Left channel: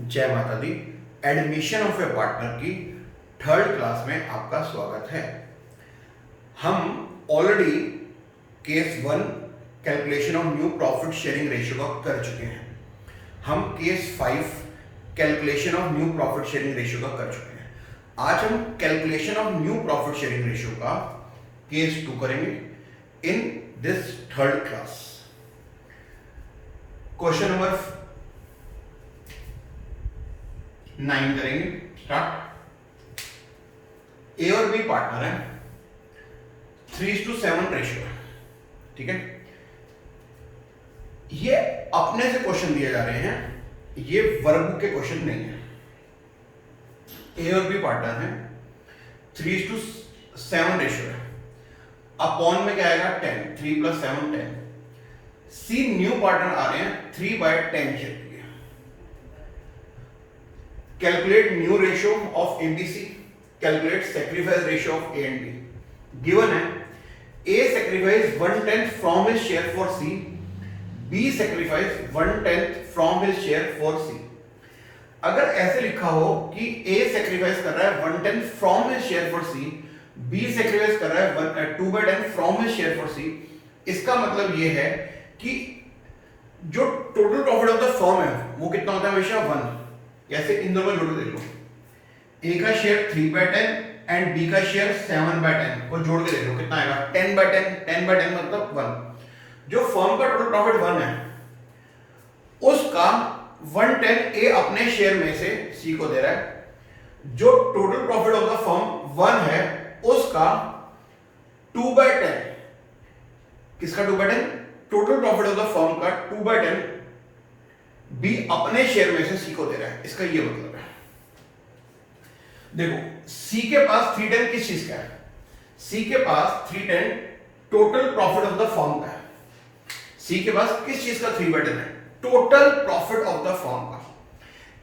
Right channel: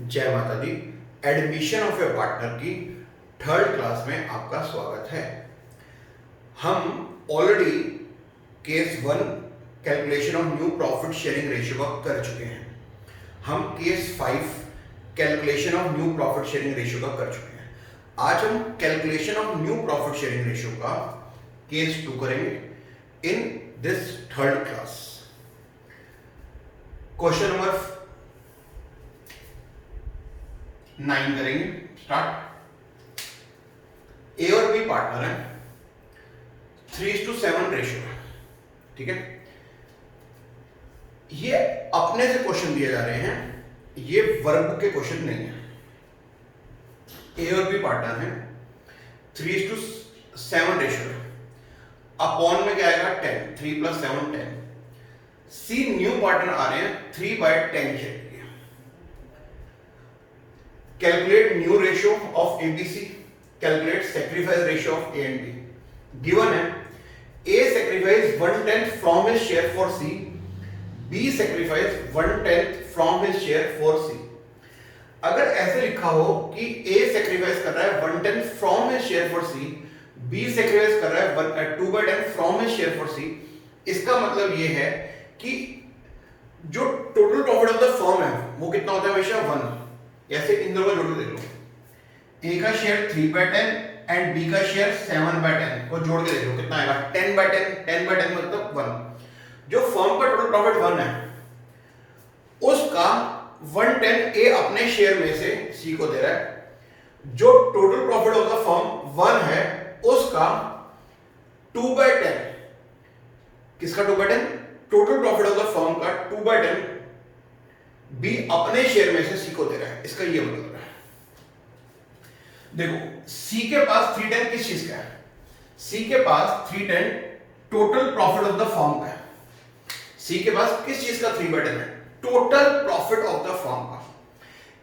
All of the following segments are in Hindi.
जय माता दी। एडमिशन ऑफ ए पार्टनर की थर्ड क्लास में आपका स्वागत है। हम already case 1 calculation of new profit sharing ratio का कर चुके हैं। हम case 5 calculation of new profit sharing ratio का कर चुके हैं। आज हम calculation of new profit sharing ratio का केस 2 करेंगे in this third class. Question number 9 करेंगे स्टार्ट। ए और बी पार्टनर है, 3:7 रेशियो है, ठीक है। ये अपने से क्वेश्चन दिए जा रहे हैं, ये वर्कबुक के क्वेश्चन नहीं है। ए और बी पार्टनर है, 3:7 रेशियो है, अपॉन में क्या आएगा 10, 3 + 7 10। सी न्यू पार्टनर आ रहे हैं 3/10 के। Calculate new ratio of ABC. Calculate sacrifice ratio of A and B. Given है A sacrifice 1/10 from his share for C. B sacrifice 1/10 from his share for C. अगर ऐसे लिखा हो कि A sacrifice कर रहा है 1/10 from his share for C, B sacrifice कर रहा है 2/10 from his share for C, इसका मतलब ये है कि जो total profit of the firm है वो कितना होता है हमेशा 1। ऐसे इन दोनों को जोड़ के देख लो, ए का शेयर 3/10 एंड बी का शेयर 7/10 को जोड़ के देख लो कितना आएगा 10/10। 10/10 मतलब 1। जो फर्म का टोटल प्रॉफिट 1 है उसका 1/10 ए अपने शेयर में से सी को दे रहा है। जो total profit of the firm 1 है उसका 2/10, किसका 2/10? Total profit of the firm का 2/10 बी अपने शेयर में से सी को दे रहा है। इसका ये मतलब है, देखो सी के पास 310 किस चीज का है? सी के पास 310 total profit of the firm का है। सी के पास किस चीज का 3/10 है? Total profit of the firm का।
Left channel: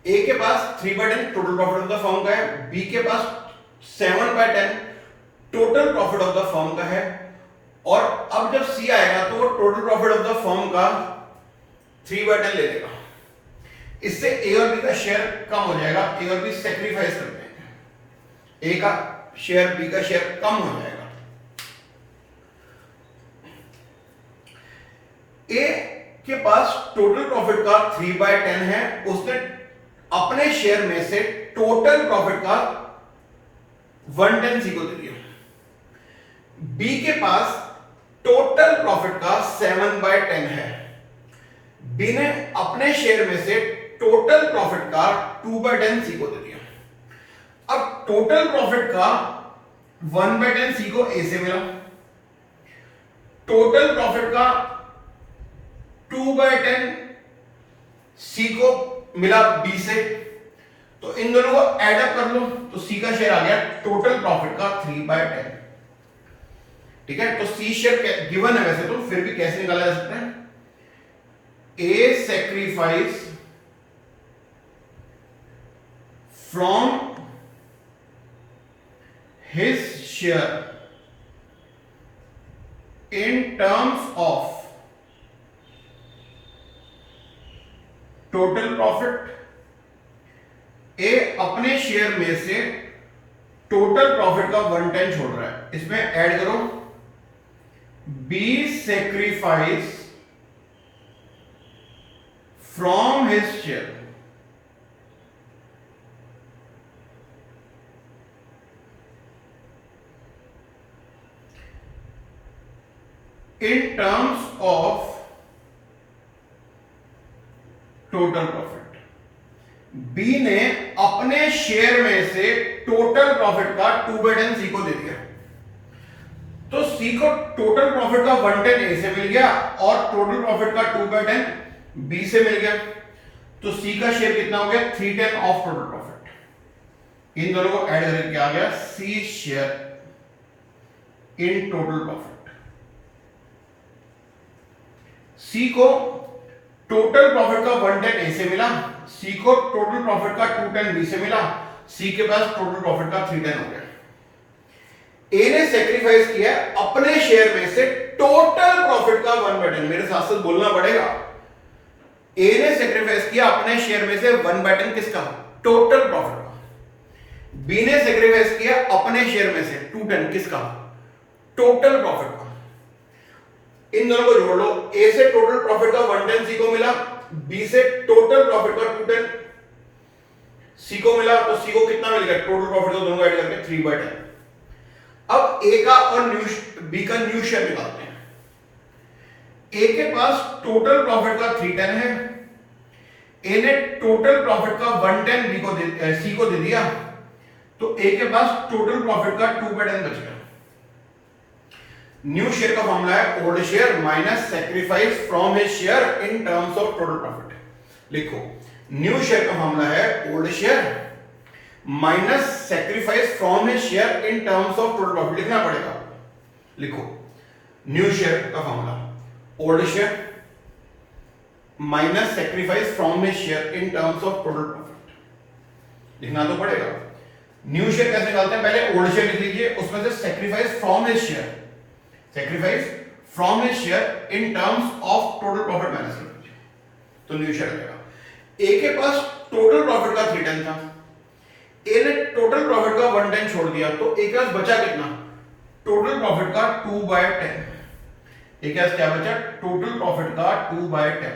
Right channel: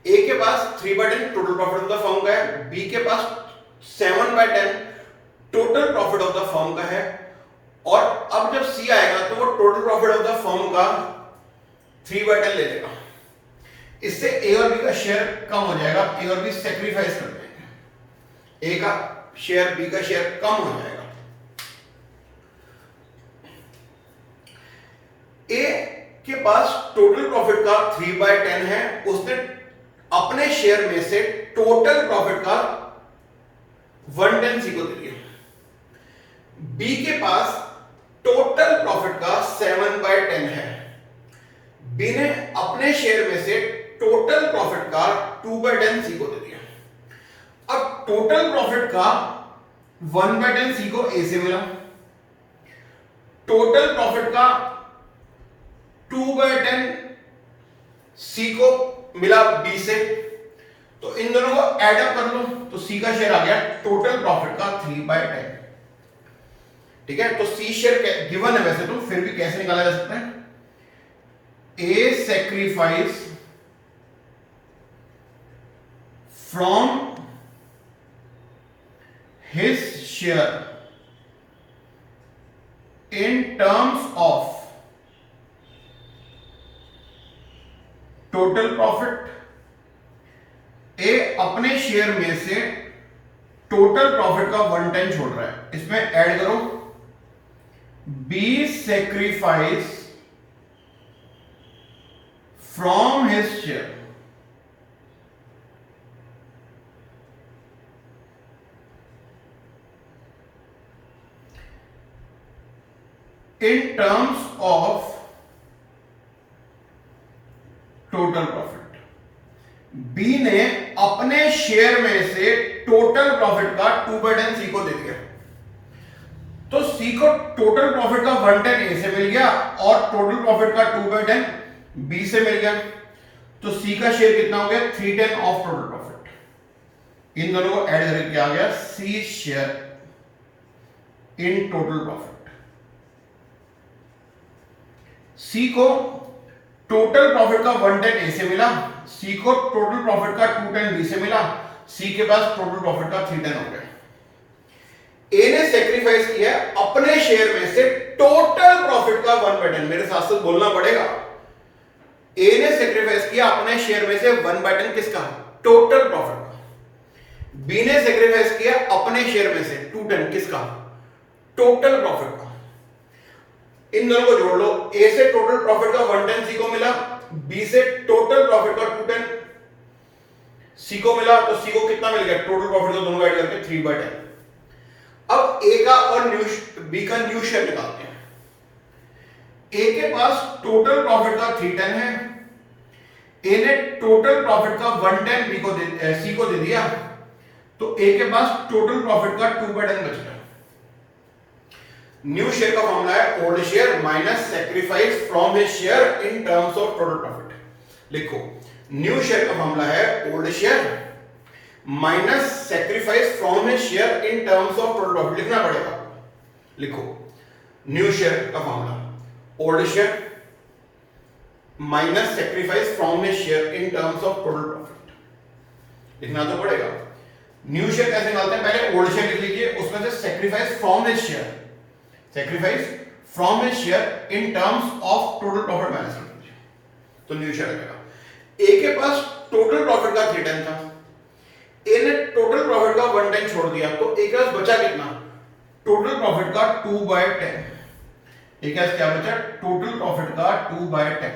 ए के पास 3/10 total profit of the firm का है, बी के पास 7/10 total profit of the firm का है। और अब जब सी आएगा तो वो total profit of the firm का 3/10 ले लेगा। इससे ए और बी का शेयर कम हो जाएगा, ए और बी सेक्रीफाइस कर देंगे, ए का शेयर बी का शेयर कम हो जाएगा। ए के पास टोटल प्रॉफिट का 3/10 है, उसने अपने शेयर में से टोटल प्रॉफिट का 1/10 सी को दे दिया। बी के पास टोटल प्रॉफिट का 7/10 है, बी ने अपने शेयर में से टोटल प्रॉफिट का 2/10 सी को दे दिया। अब टोटल प्रॉफिट का 1/10 सी को ए से मिला, टोटल प्रॉफिट का 2/10 सी को मिला बी से, तो इन दोनों को ऐड अप कर लो तो सी का शेयर आ गया टोटल प्रॉफिट का 3/10, ठीक है। तो सी शेयर गिवन है वैसे तो, फिर भी कैसे निकाला जा सकता है? A sacrifice from his share in terms of total profit। ए अपने शेयर में से टोटल प्रॉफिट का 1/10 छोड़ रहा है, इसमें ऐड करो B sacrifice from his share in terms of total profit। B ने अपने शेयर में से टोटल प्रॉफिट का 2/10 सी को दे दिया, तो सी को टोटल प्रॉफिट का 1/10 ए से मिल गया और टोटल प्रॉफिट का 2/10 बी से मिल गया, तो सी का शेयर कितना हो गया 3/10 ऑफ टोटल प्रॉफिट। इन दोनों को ऐड करके क्या आ गया C share in total profit. सी को टोटल प्रॉफिट का 1/10 ए से मिला, सी को टोटल प्रॉफिट का 2/10 बी से मिला, सी के पास टोटल प्रॉफिट का 3/10 हो गया। ए ने सेक्रीफाइस किया अपने शेयर में से टोटल प्रॉफिट का 1/10। मेरे साथ साथ बोलना पड़ेगा, ए ने सेक्रीफाइस किया अपने शेयर में से 1/10 किसका, टोटल प्रॉफिट का। बी ने सेक्रीफाइस किया अपने शेयर में से 2/10 किसका, टोटल प्रॉफिट का। इन दोनों को जोड़ लो, ए से टोटल प्रॉफिट का 1/10 सी को मिला, बी से टोटल प्रॉफिट का 2/10 सी को मिला, तो सी को कितना मिल गया, टोटल प्रॉफिट का दोनों ऐड करके 3/10। अब ए का और बी का न्यू शेयर निकालते हैं। ए के पास टोटल प्रॉफिट का 3/10 है, ए ने टोटल प्रॉफिट का 1/10 बी को सी को दे दिया, तो ए के पास टोटल प्रॉफिट का 2/10 बच गया। न्यू शेयर का फॉर्मूला है old share minus sacrifice from his share in terms of total profit. लिखो, न्यू शेयर का फॉर्मूला है old share minus sacrifice from his share in terms of total profit. लिखना पड़ेगा, लिखो न्यू शेयर का formula old share minus sacrifice from his share in terms of total profit. लिखना तो पड़ेगा। न्यू शेयर कैसे निकालते हैं, पहले ओल्ड शेयर लिख लीजिए, उसमें से sacrifice from his share, sacrifice from his share in terms of total profit minus कर दीजिए, तो न्यू शेयर आ जाएगा। ए के पास टोटल प्रॉफिट का 3/10 था, ए ने टोटल प्रॉफिट का 1/10 छोड़ दिया, तो ए के पास बचा कितना, टोटल प्रॉफिट का 2/10। ए के पास क्या बचा, टोटल प्रॉफिट का 2/10।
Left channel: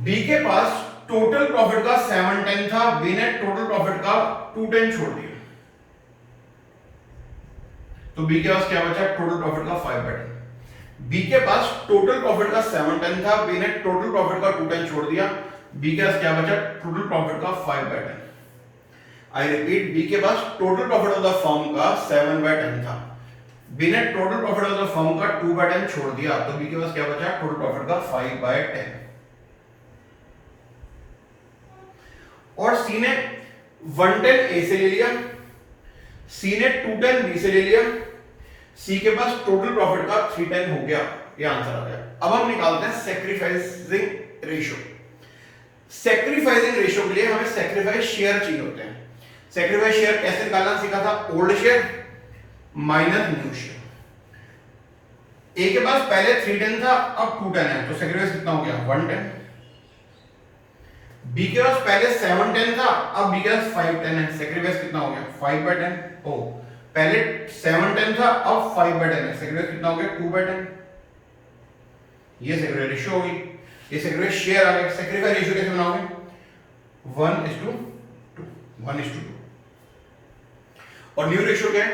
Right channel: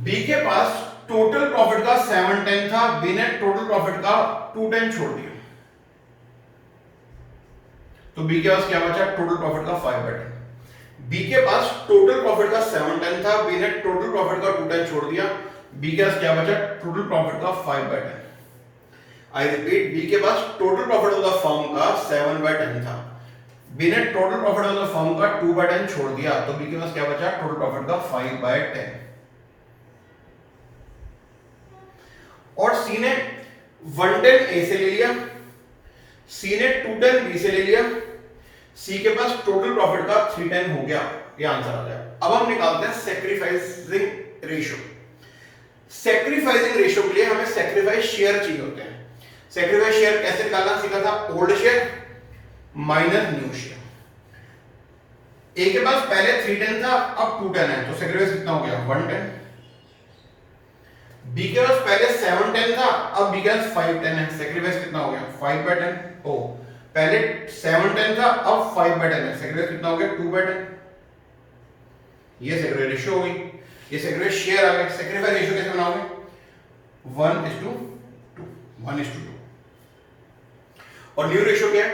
बी के पास टोटल प्रॉफिट का 7/10 था, बी ने टोटल प्रॉफिट का 2/10 छोड़ दिया, तो बी के पास क्या बचा, टोटल प्रॉफिट का 5/10। बी के पास टोटल प्रॉफिट का 7/10 था, बी ने टोटल प्रॉफिट का 2/10 छोड़ दिया, बी के पास क्या बचा, टोटल प्रॉफिट का 5/10। आई रिपीट, बी के पास total profit of the firm का 7/10 था, बी ने total profit of the firm का 2/10 छोड़ दिया, तो बी के पास क्या बचा, टोटल प्रॉफिट का 5/10। और सी ने 1/10 ए से ले लिया, सी ने 2/10 बी से ले लिया, सी के पास टोटल प्रॉफिट का 3/10 हो गया, ये आंसर आ गया। अब हम निकालते हैं सैक्रिफाइसिंग रेशियो। सैक्रिफाइसिंग रेशियो के लिए हमें सैक्रिफाइस शेयर चाहिए होते हैं। सैक्रिफाइस शेयर कैसे निकालना सीखा था, old share minus new share. A के पास पहले 3/10 था, अब 2/10 है, तो सैक्रिफाइस कितना हो गया, 1/10। बी के पास पहले 7/10 था, अब बी के पास 5/10 है, सैक्रिफाइस कितना हो गया, 5/10। ओ, पहले 7/10 था, अब 5/10 है, सैक्रिफाइस कितना हो गया, 2/10। ये सैक्रिफाइस रेशियो हो गई, ये सैक्रिफाइस शेयर आ गया। सैक्रिफाइस रेशियो कैसे बनाओगे, 1:2, 1:2। और न्यू रेशियो क्या है,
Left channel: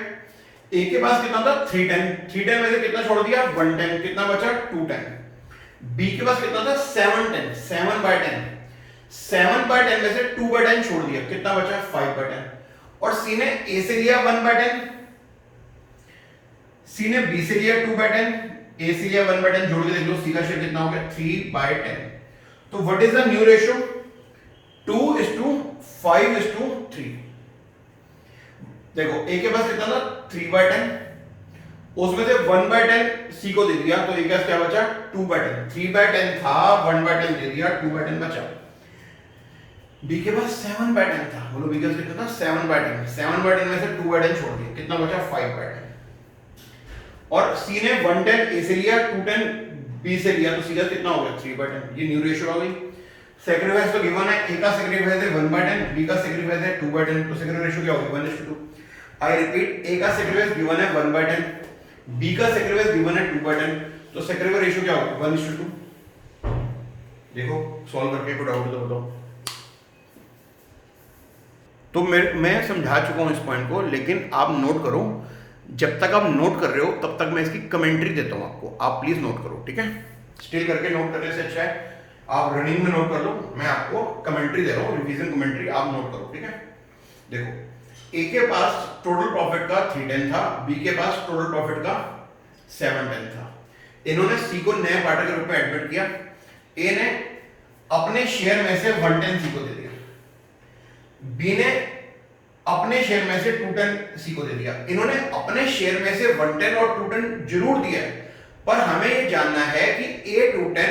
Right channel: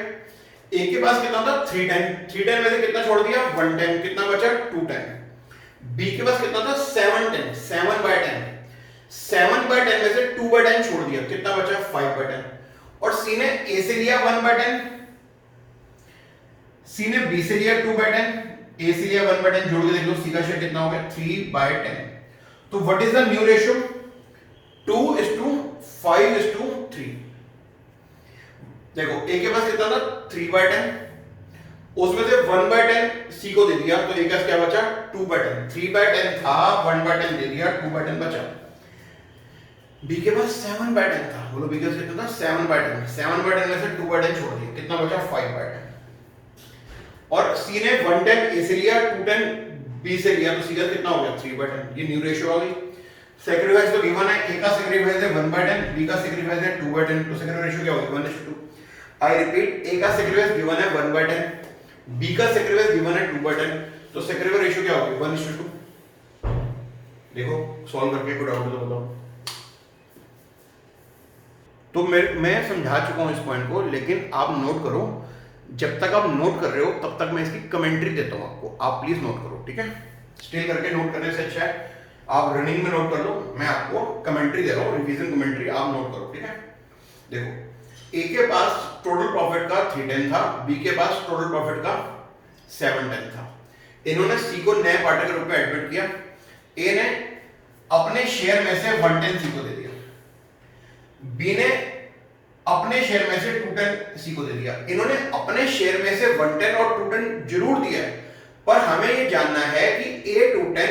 ए के पास कितना था, 3/10 में से कितना छोड़ दिया, 1/10, कितना बचा, 2/10। बी के पास कितना था, 7/10, 7/10, 7/10 में से 2/10 छोड़ दिया, कितना बचा, 5/10। और सी ने ए से लिया 1/10, सी ने बी से लिया 2/10, ए से लिया 1/10, जोड़ के देख लो सी का शेयर कितना हो गया, 3/10। तो what is the new ratio, 2:5:3। देखो ए के पास कितना था, 3/10, उसमें से 1/10 सी को दे दिया, तो ए के पास क्या बचा, 2/10। 3/10 था, 1/10 दे दिया, 2/10 बचा। बी के पास 7/10 था, बोलो बी के पास कितना था, 7/10, 7/10 में से 2/10 छोड़ दिया, कितना बचा, 5/10। और सी ने 1/10 ए से लिया, 2/10 बी से लिया, तो सी का कितना हो गया, 3/10। ये न्यू रेशियो हो गई। सैक्रिफाइस तो गिवन है, ए का सैक्रिफाइस है 1/10, बी का सैक्रिफाइस है 2/10, तो सैक्रिफाइस रेशियो क्या होगी, 1:2। आई रिपीट, ए का सैक्रिफाइस गिवन है 1/10, बी का सैक्रिफाइस गिवन है 2/10, तो सैक्रिफाइस रेशियो क्या होगी, 1:2। देखो सॉल्व करके कोई डाउट हो तो बताओ। तो मैं समझा चुका हूं इस पॉइंट को, लेकिन आप नोट करो, जब तक आप नोट कर रहे हो तब तक मैं इसकी कमेंट्री देता हूं आपको, आप प्लीज नोट करो, ठीक है। स्टिल करके नोट करने से अच्छा है आप रनिंग में नोट कर लो, मैं आपको कमेंट्री दे रहा हूं, रिवीजन कमेंट्री, आप नोट करो, ठीक है। देखो ए के पास टोटल प्रॉफिट का 3/10 था, बी के पास टोटल प्रॉफिट का 7/10 था। इन्होंने सी को नए पार्टनर के रूप में एडमिट किया, ए ने अपने शेयर में से 1/10 सी को दे दिया, बी ने अपने शेयर में से 2/10 सी को दे दिया। इन्होंने अपने शेयर में से 1/10 और 2/10 जरूर दिया है, पर हमें ये जानना है कि ए 2/10,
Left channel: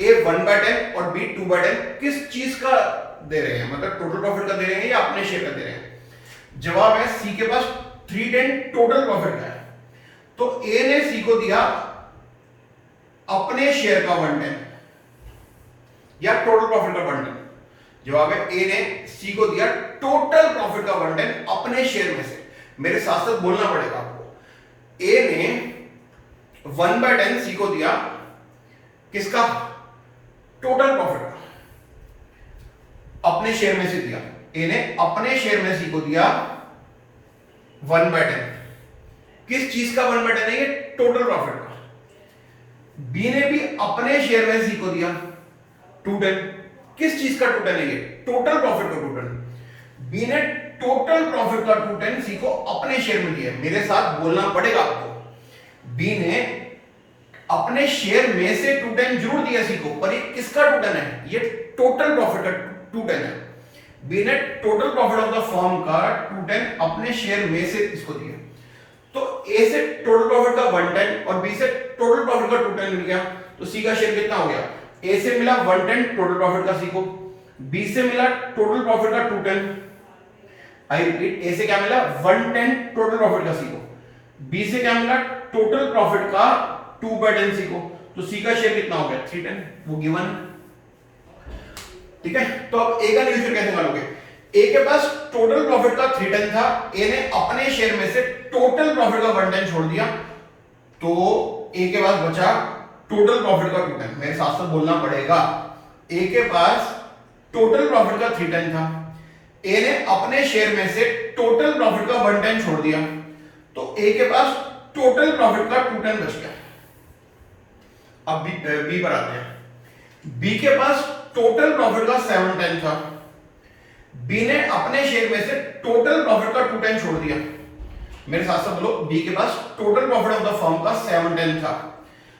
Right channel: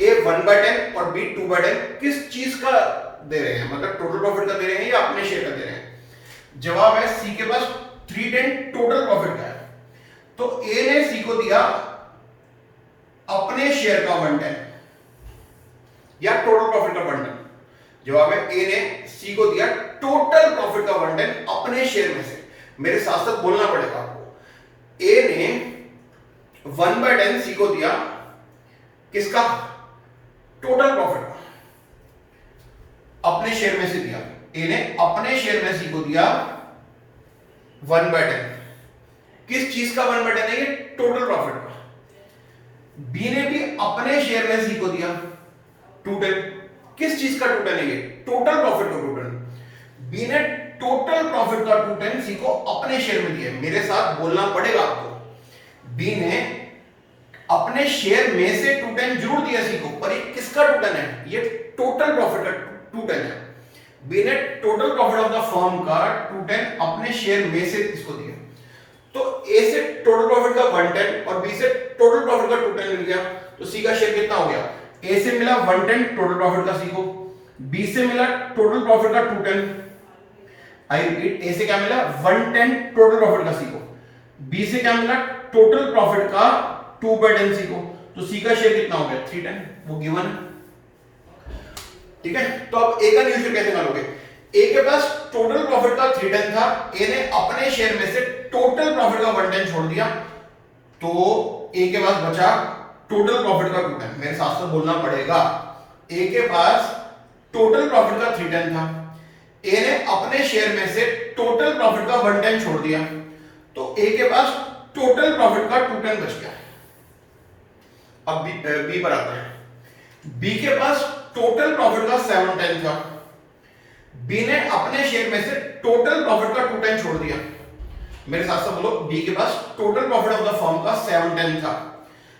ए 1/10 और बी 2/10 किस चीज का दे रहे हैं, मतलब टोटल प्रॉफिट का दे रहे हैं या अपने शेयर का दे रहे हैं। जवाब है सी के पास 3/10 टोटल प्रॉफिट का है, तो ए ने सी को दिया अपने शेयर का 1/10, या टोटल प्रॉफिट का 1/10? जवाब है ए ने सी को दिया टोटल प्रॉफिट का 1/10 अपने शेयर में से। मेरे साथ साथ बोलना पड़ेगा आपको। ए ने 1/10 सी को दिया, किसका? टोटल प्रॉफिट का, अपने शेयर में से दिया। ए ने अपने शेयर में सी को दिया 1/10। किस चीज का 1/10 है? ये टोटल प्रॉफिट का। बी ने भी अपने शेयर में सी को दिया 2/10। किस चीज का 2/10 है? ये टोटल प्रॉफिट का 2/10। बी ने टोटल प्रॉफिट का 2/10 सी को अपने शेयर में दिया। मेरे साथ बोलना पड़ेगा आपको। बी ने अपने शेयर में से 2/10 जरूर दिया सी को, पर ये किसका 2/10 है? ये टोटल प्रॉफिट का 2/10 है। बी ने total profit of the firm का 2/10 अपने शेयर में से इसको दिया। तो ए से टोटल प्रॉफिट का 1/10 और बी से टोटल प्रॉफिट का 2/10 मिल गया, तो सी का शेयर कितना हो गया? ए से मिला 1/10 टोटल प्रॉफिट का सी को, बी से मिला टोटल प्रॉफिट का 2/10। आई रिपीट, ए से क्या मिला? 1/10 टोटल प्रॉफिट का सी को, बी से क्या मिला? टोटल प्रॉफिट का 2/10 सी को, तो सी का शेयर कितना हो गया? 3/10, वो गिवन है। ठीक है, तो अब ए का न्यू शेयर कैसे मानोगे? ए के पास टोटल प्रॉफिट का 3/10 था, ए ने अपने शेयर में से टोटल प्रॉफिट का 1/10 छोड़ दिया, तो ए के पास बचा टोटल प्रॉफिट का 2/10। मेरे साथ साथ बोलना पड़ेगा। ए के पास टोटल प्रॉफिट का 3/10 था, ए ने अपने शेयर में से टोटल प्रॉफिट का 1/10 छोड़ दिया, तो ए के पास टोटल प्रॉफिट का 2/10 बच गया। अब बी पर आते हैं। बी के पास टोटल प्रॉफिट का 7/10 था, बी ने अपने शेयर में से टोटल प्रॉफिट का 2/10 छोड़ दिया। मेरे साथ साथ बोलो, बी के पास total profit of the firm का 7/10 था,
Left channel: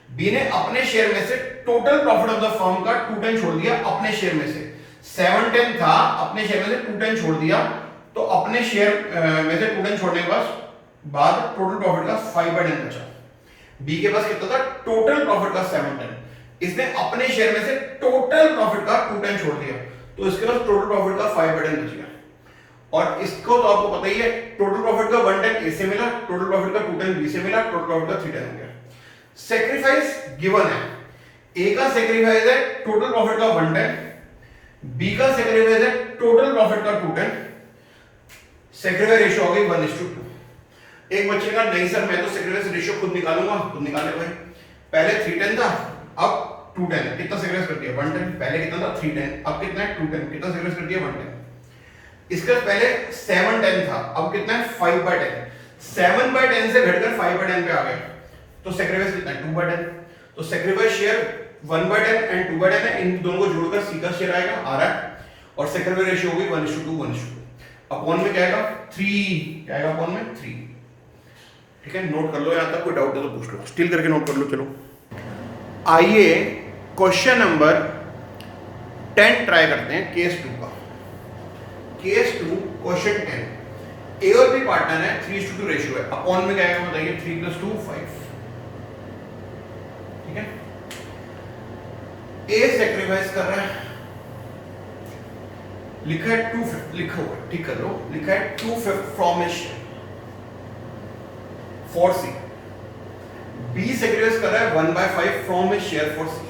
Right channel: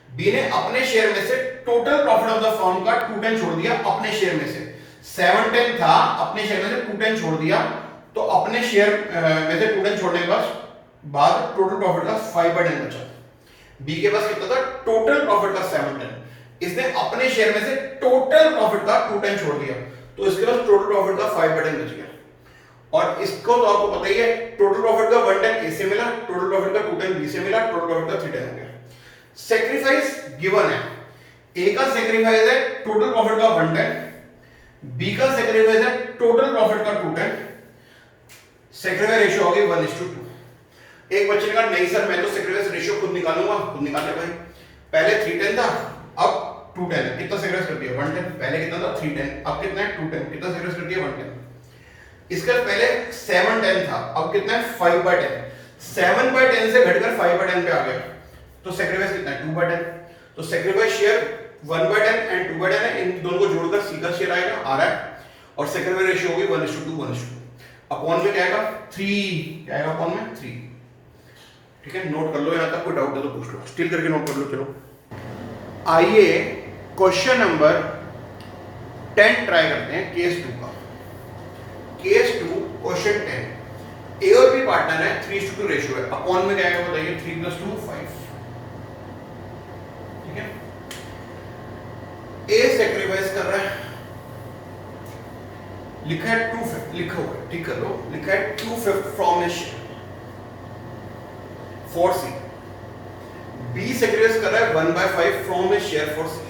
बी ने अपने शेयर में से total profit of the firm का 2/10 छोड़ दिया। अपने शेयर में से 7/10 था, अपने शेयर में से 2/10 छोड़ दिया, तो अपने शेयर में से 2/10 छोड़ने के बाद टोटल प्रॉफिट का 5/10 बचा। बी के पास कितना था? टोटल प्रॉफिट का 7/10, इसने अपने शेयर में से टोटल प्रॉफिट का 2/10 छोड़ दिया, तो इसके पास टोटल प्रॉफिट का 5/10 बच गया। और इसको तो आपको पता ही है, टोटल प्रॉफिट का 1/10 ए से मिला, टोटल प्रॉफिट का 2/10 बी से मिला, टोटल प्रॉफिट का 3/10 हो गया। सैक्रिफाइस गिवन है। ए का सैक्रिफाइस है टोटल प्रॉफिट का 1/10, बी का सैक्रिफाइस है टोटल प्रॉफिट का 2/10। सैक्रिफाइस रेशियो हो गई 1:2। एक बच्चे ने कहा नहीं सर मैं तो सैक्रिफाइस रेशियो खुद निकालूंगा, खुद निकाले भाई। पहले 3/10 था, अब 2/10 है। कितना सैक्रिफाइस कर दिया? 1/10। पहले कितना था? 3/10, अब कितना है? 2/10। कितना सैक्रिफाइस कर दिया? 1/10। इसका पहले 7/10 था, अब कितना है? 5/10। 7/10 से घटकर 5/10 पे आ गया, तो सैक्रिफाइस कितना है? 2/10। तो सैक्रिफाइस शेयर 1/10 एंड 2/10 है, इन दोनों को जोड़कर सी का शेयर आएगा, आ रहा है। और सैक्रिफाइस रेशियो होगी 1:2, 1:2। अपॉन में क्या आएगा? 3, क्या आएगा अपॉन में? 3। ठीक है, नोट कर लो, यहां तक कोई डाउट है तो पूछ लो, स्टिल करके नोट कर लो। चलो आइए क्वेश्चन नंबर 10 ट्राई करते हैं, केस 2 का। Case 2 question 10। ए और बी पार्टनर है, 3:2 रेशियो है। अपॉन में क्या आएगा बताइए? 3 + 2 5। ठीक है, ए सैक्रिफाइस कर रहा है, लिखा है 2/5, लिखा हुआ है, ठीक कर लो, लिखा है 2/5 from his share for C. B sacrifice कर रहा है 1/5 फ्रॉम हिज शेयर फॉर सी।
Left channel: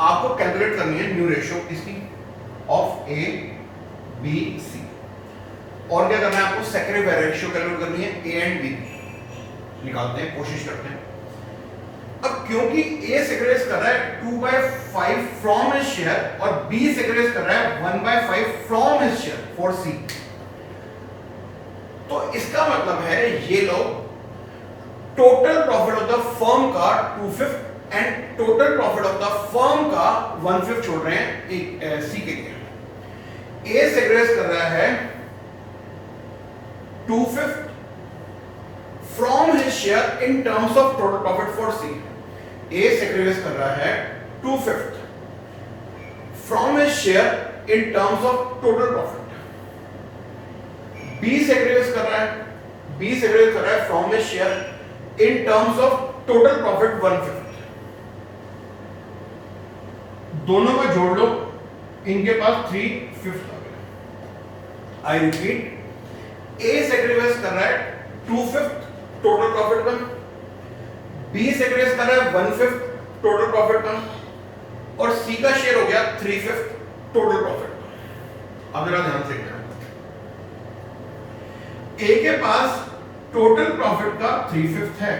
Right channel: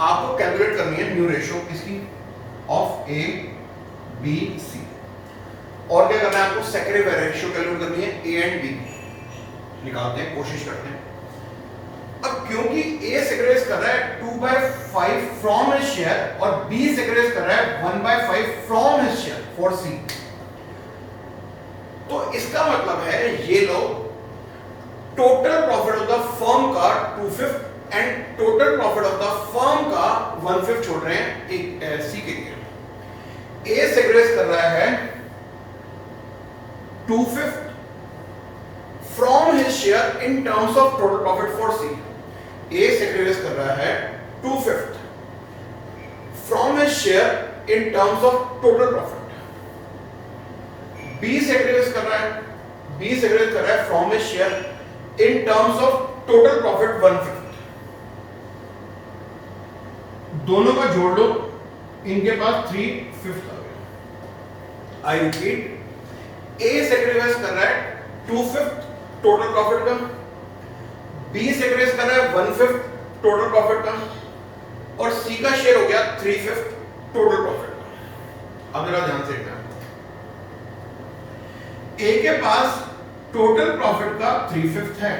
आपको कैलकुलेट करनी है न्यू रेशियो इसकी ऑफ ए बी सी, और क्या करना है आपको? सैक्रिफाइस रेशियो कैलकुलेट करनी है ए एंड बी। निकालते हैं, कोशिश करते हैं। अब क्योंकि ए सैक्रिफाइस कर रहा है 2/5 फ्रॉम हिज शेयर और बी सैक्रिफाइस कर रहा है 1/5 फ्रॉम हिज शेयर फॉर सी, तो इसका मतलब है ये लोग total profit of the firm का 2/5 and total profit of the firm का 1/5 छोड़ रहे हैं सी के लिए। ए सैक्रिफाइस कर रहा है 2/5 from his share in terms of total profit for C. A sacrifice कर रहा है 2/5 from his share in terms of total profit. B sacrifice कर रहा है from his share in terms of total profit 1/5। दोनों को जोड़ लो, इनके पास 3/5 आ गया। आई रिपीट, ए सैक्रिफाइस कर रहा है 2/5 टोटल प्रॉफिट का, बी सैक्रिफाइस कर रहा है 1/5 टोटल प्रॉफिट का, और सी का शेयर हो गया 3/5 टोटल प्रॉफिट। अब मेरा ध्यान से देखना, ए के पास टोटल प्रॉफिट का 3/5 है,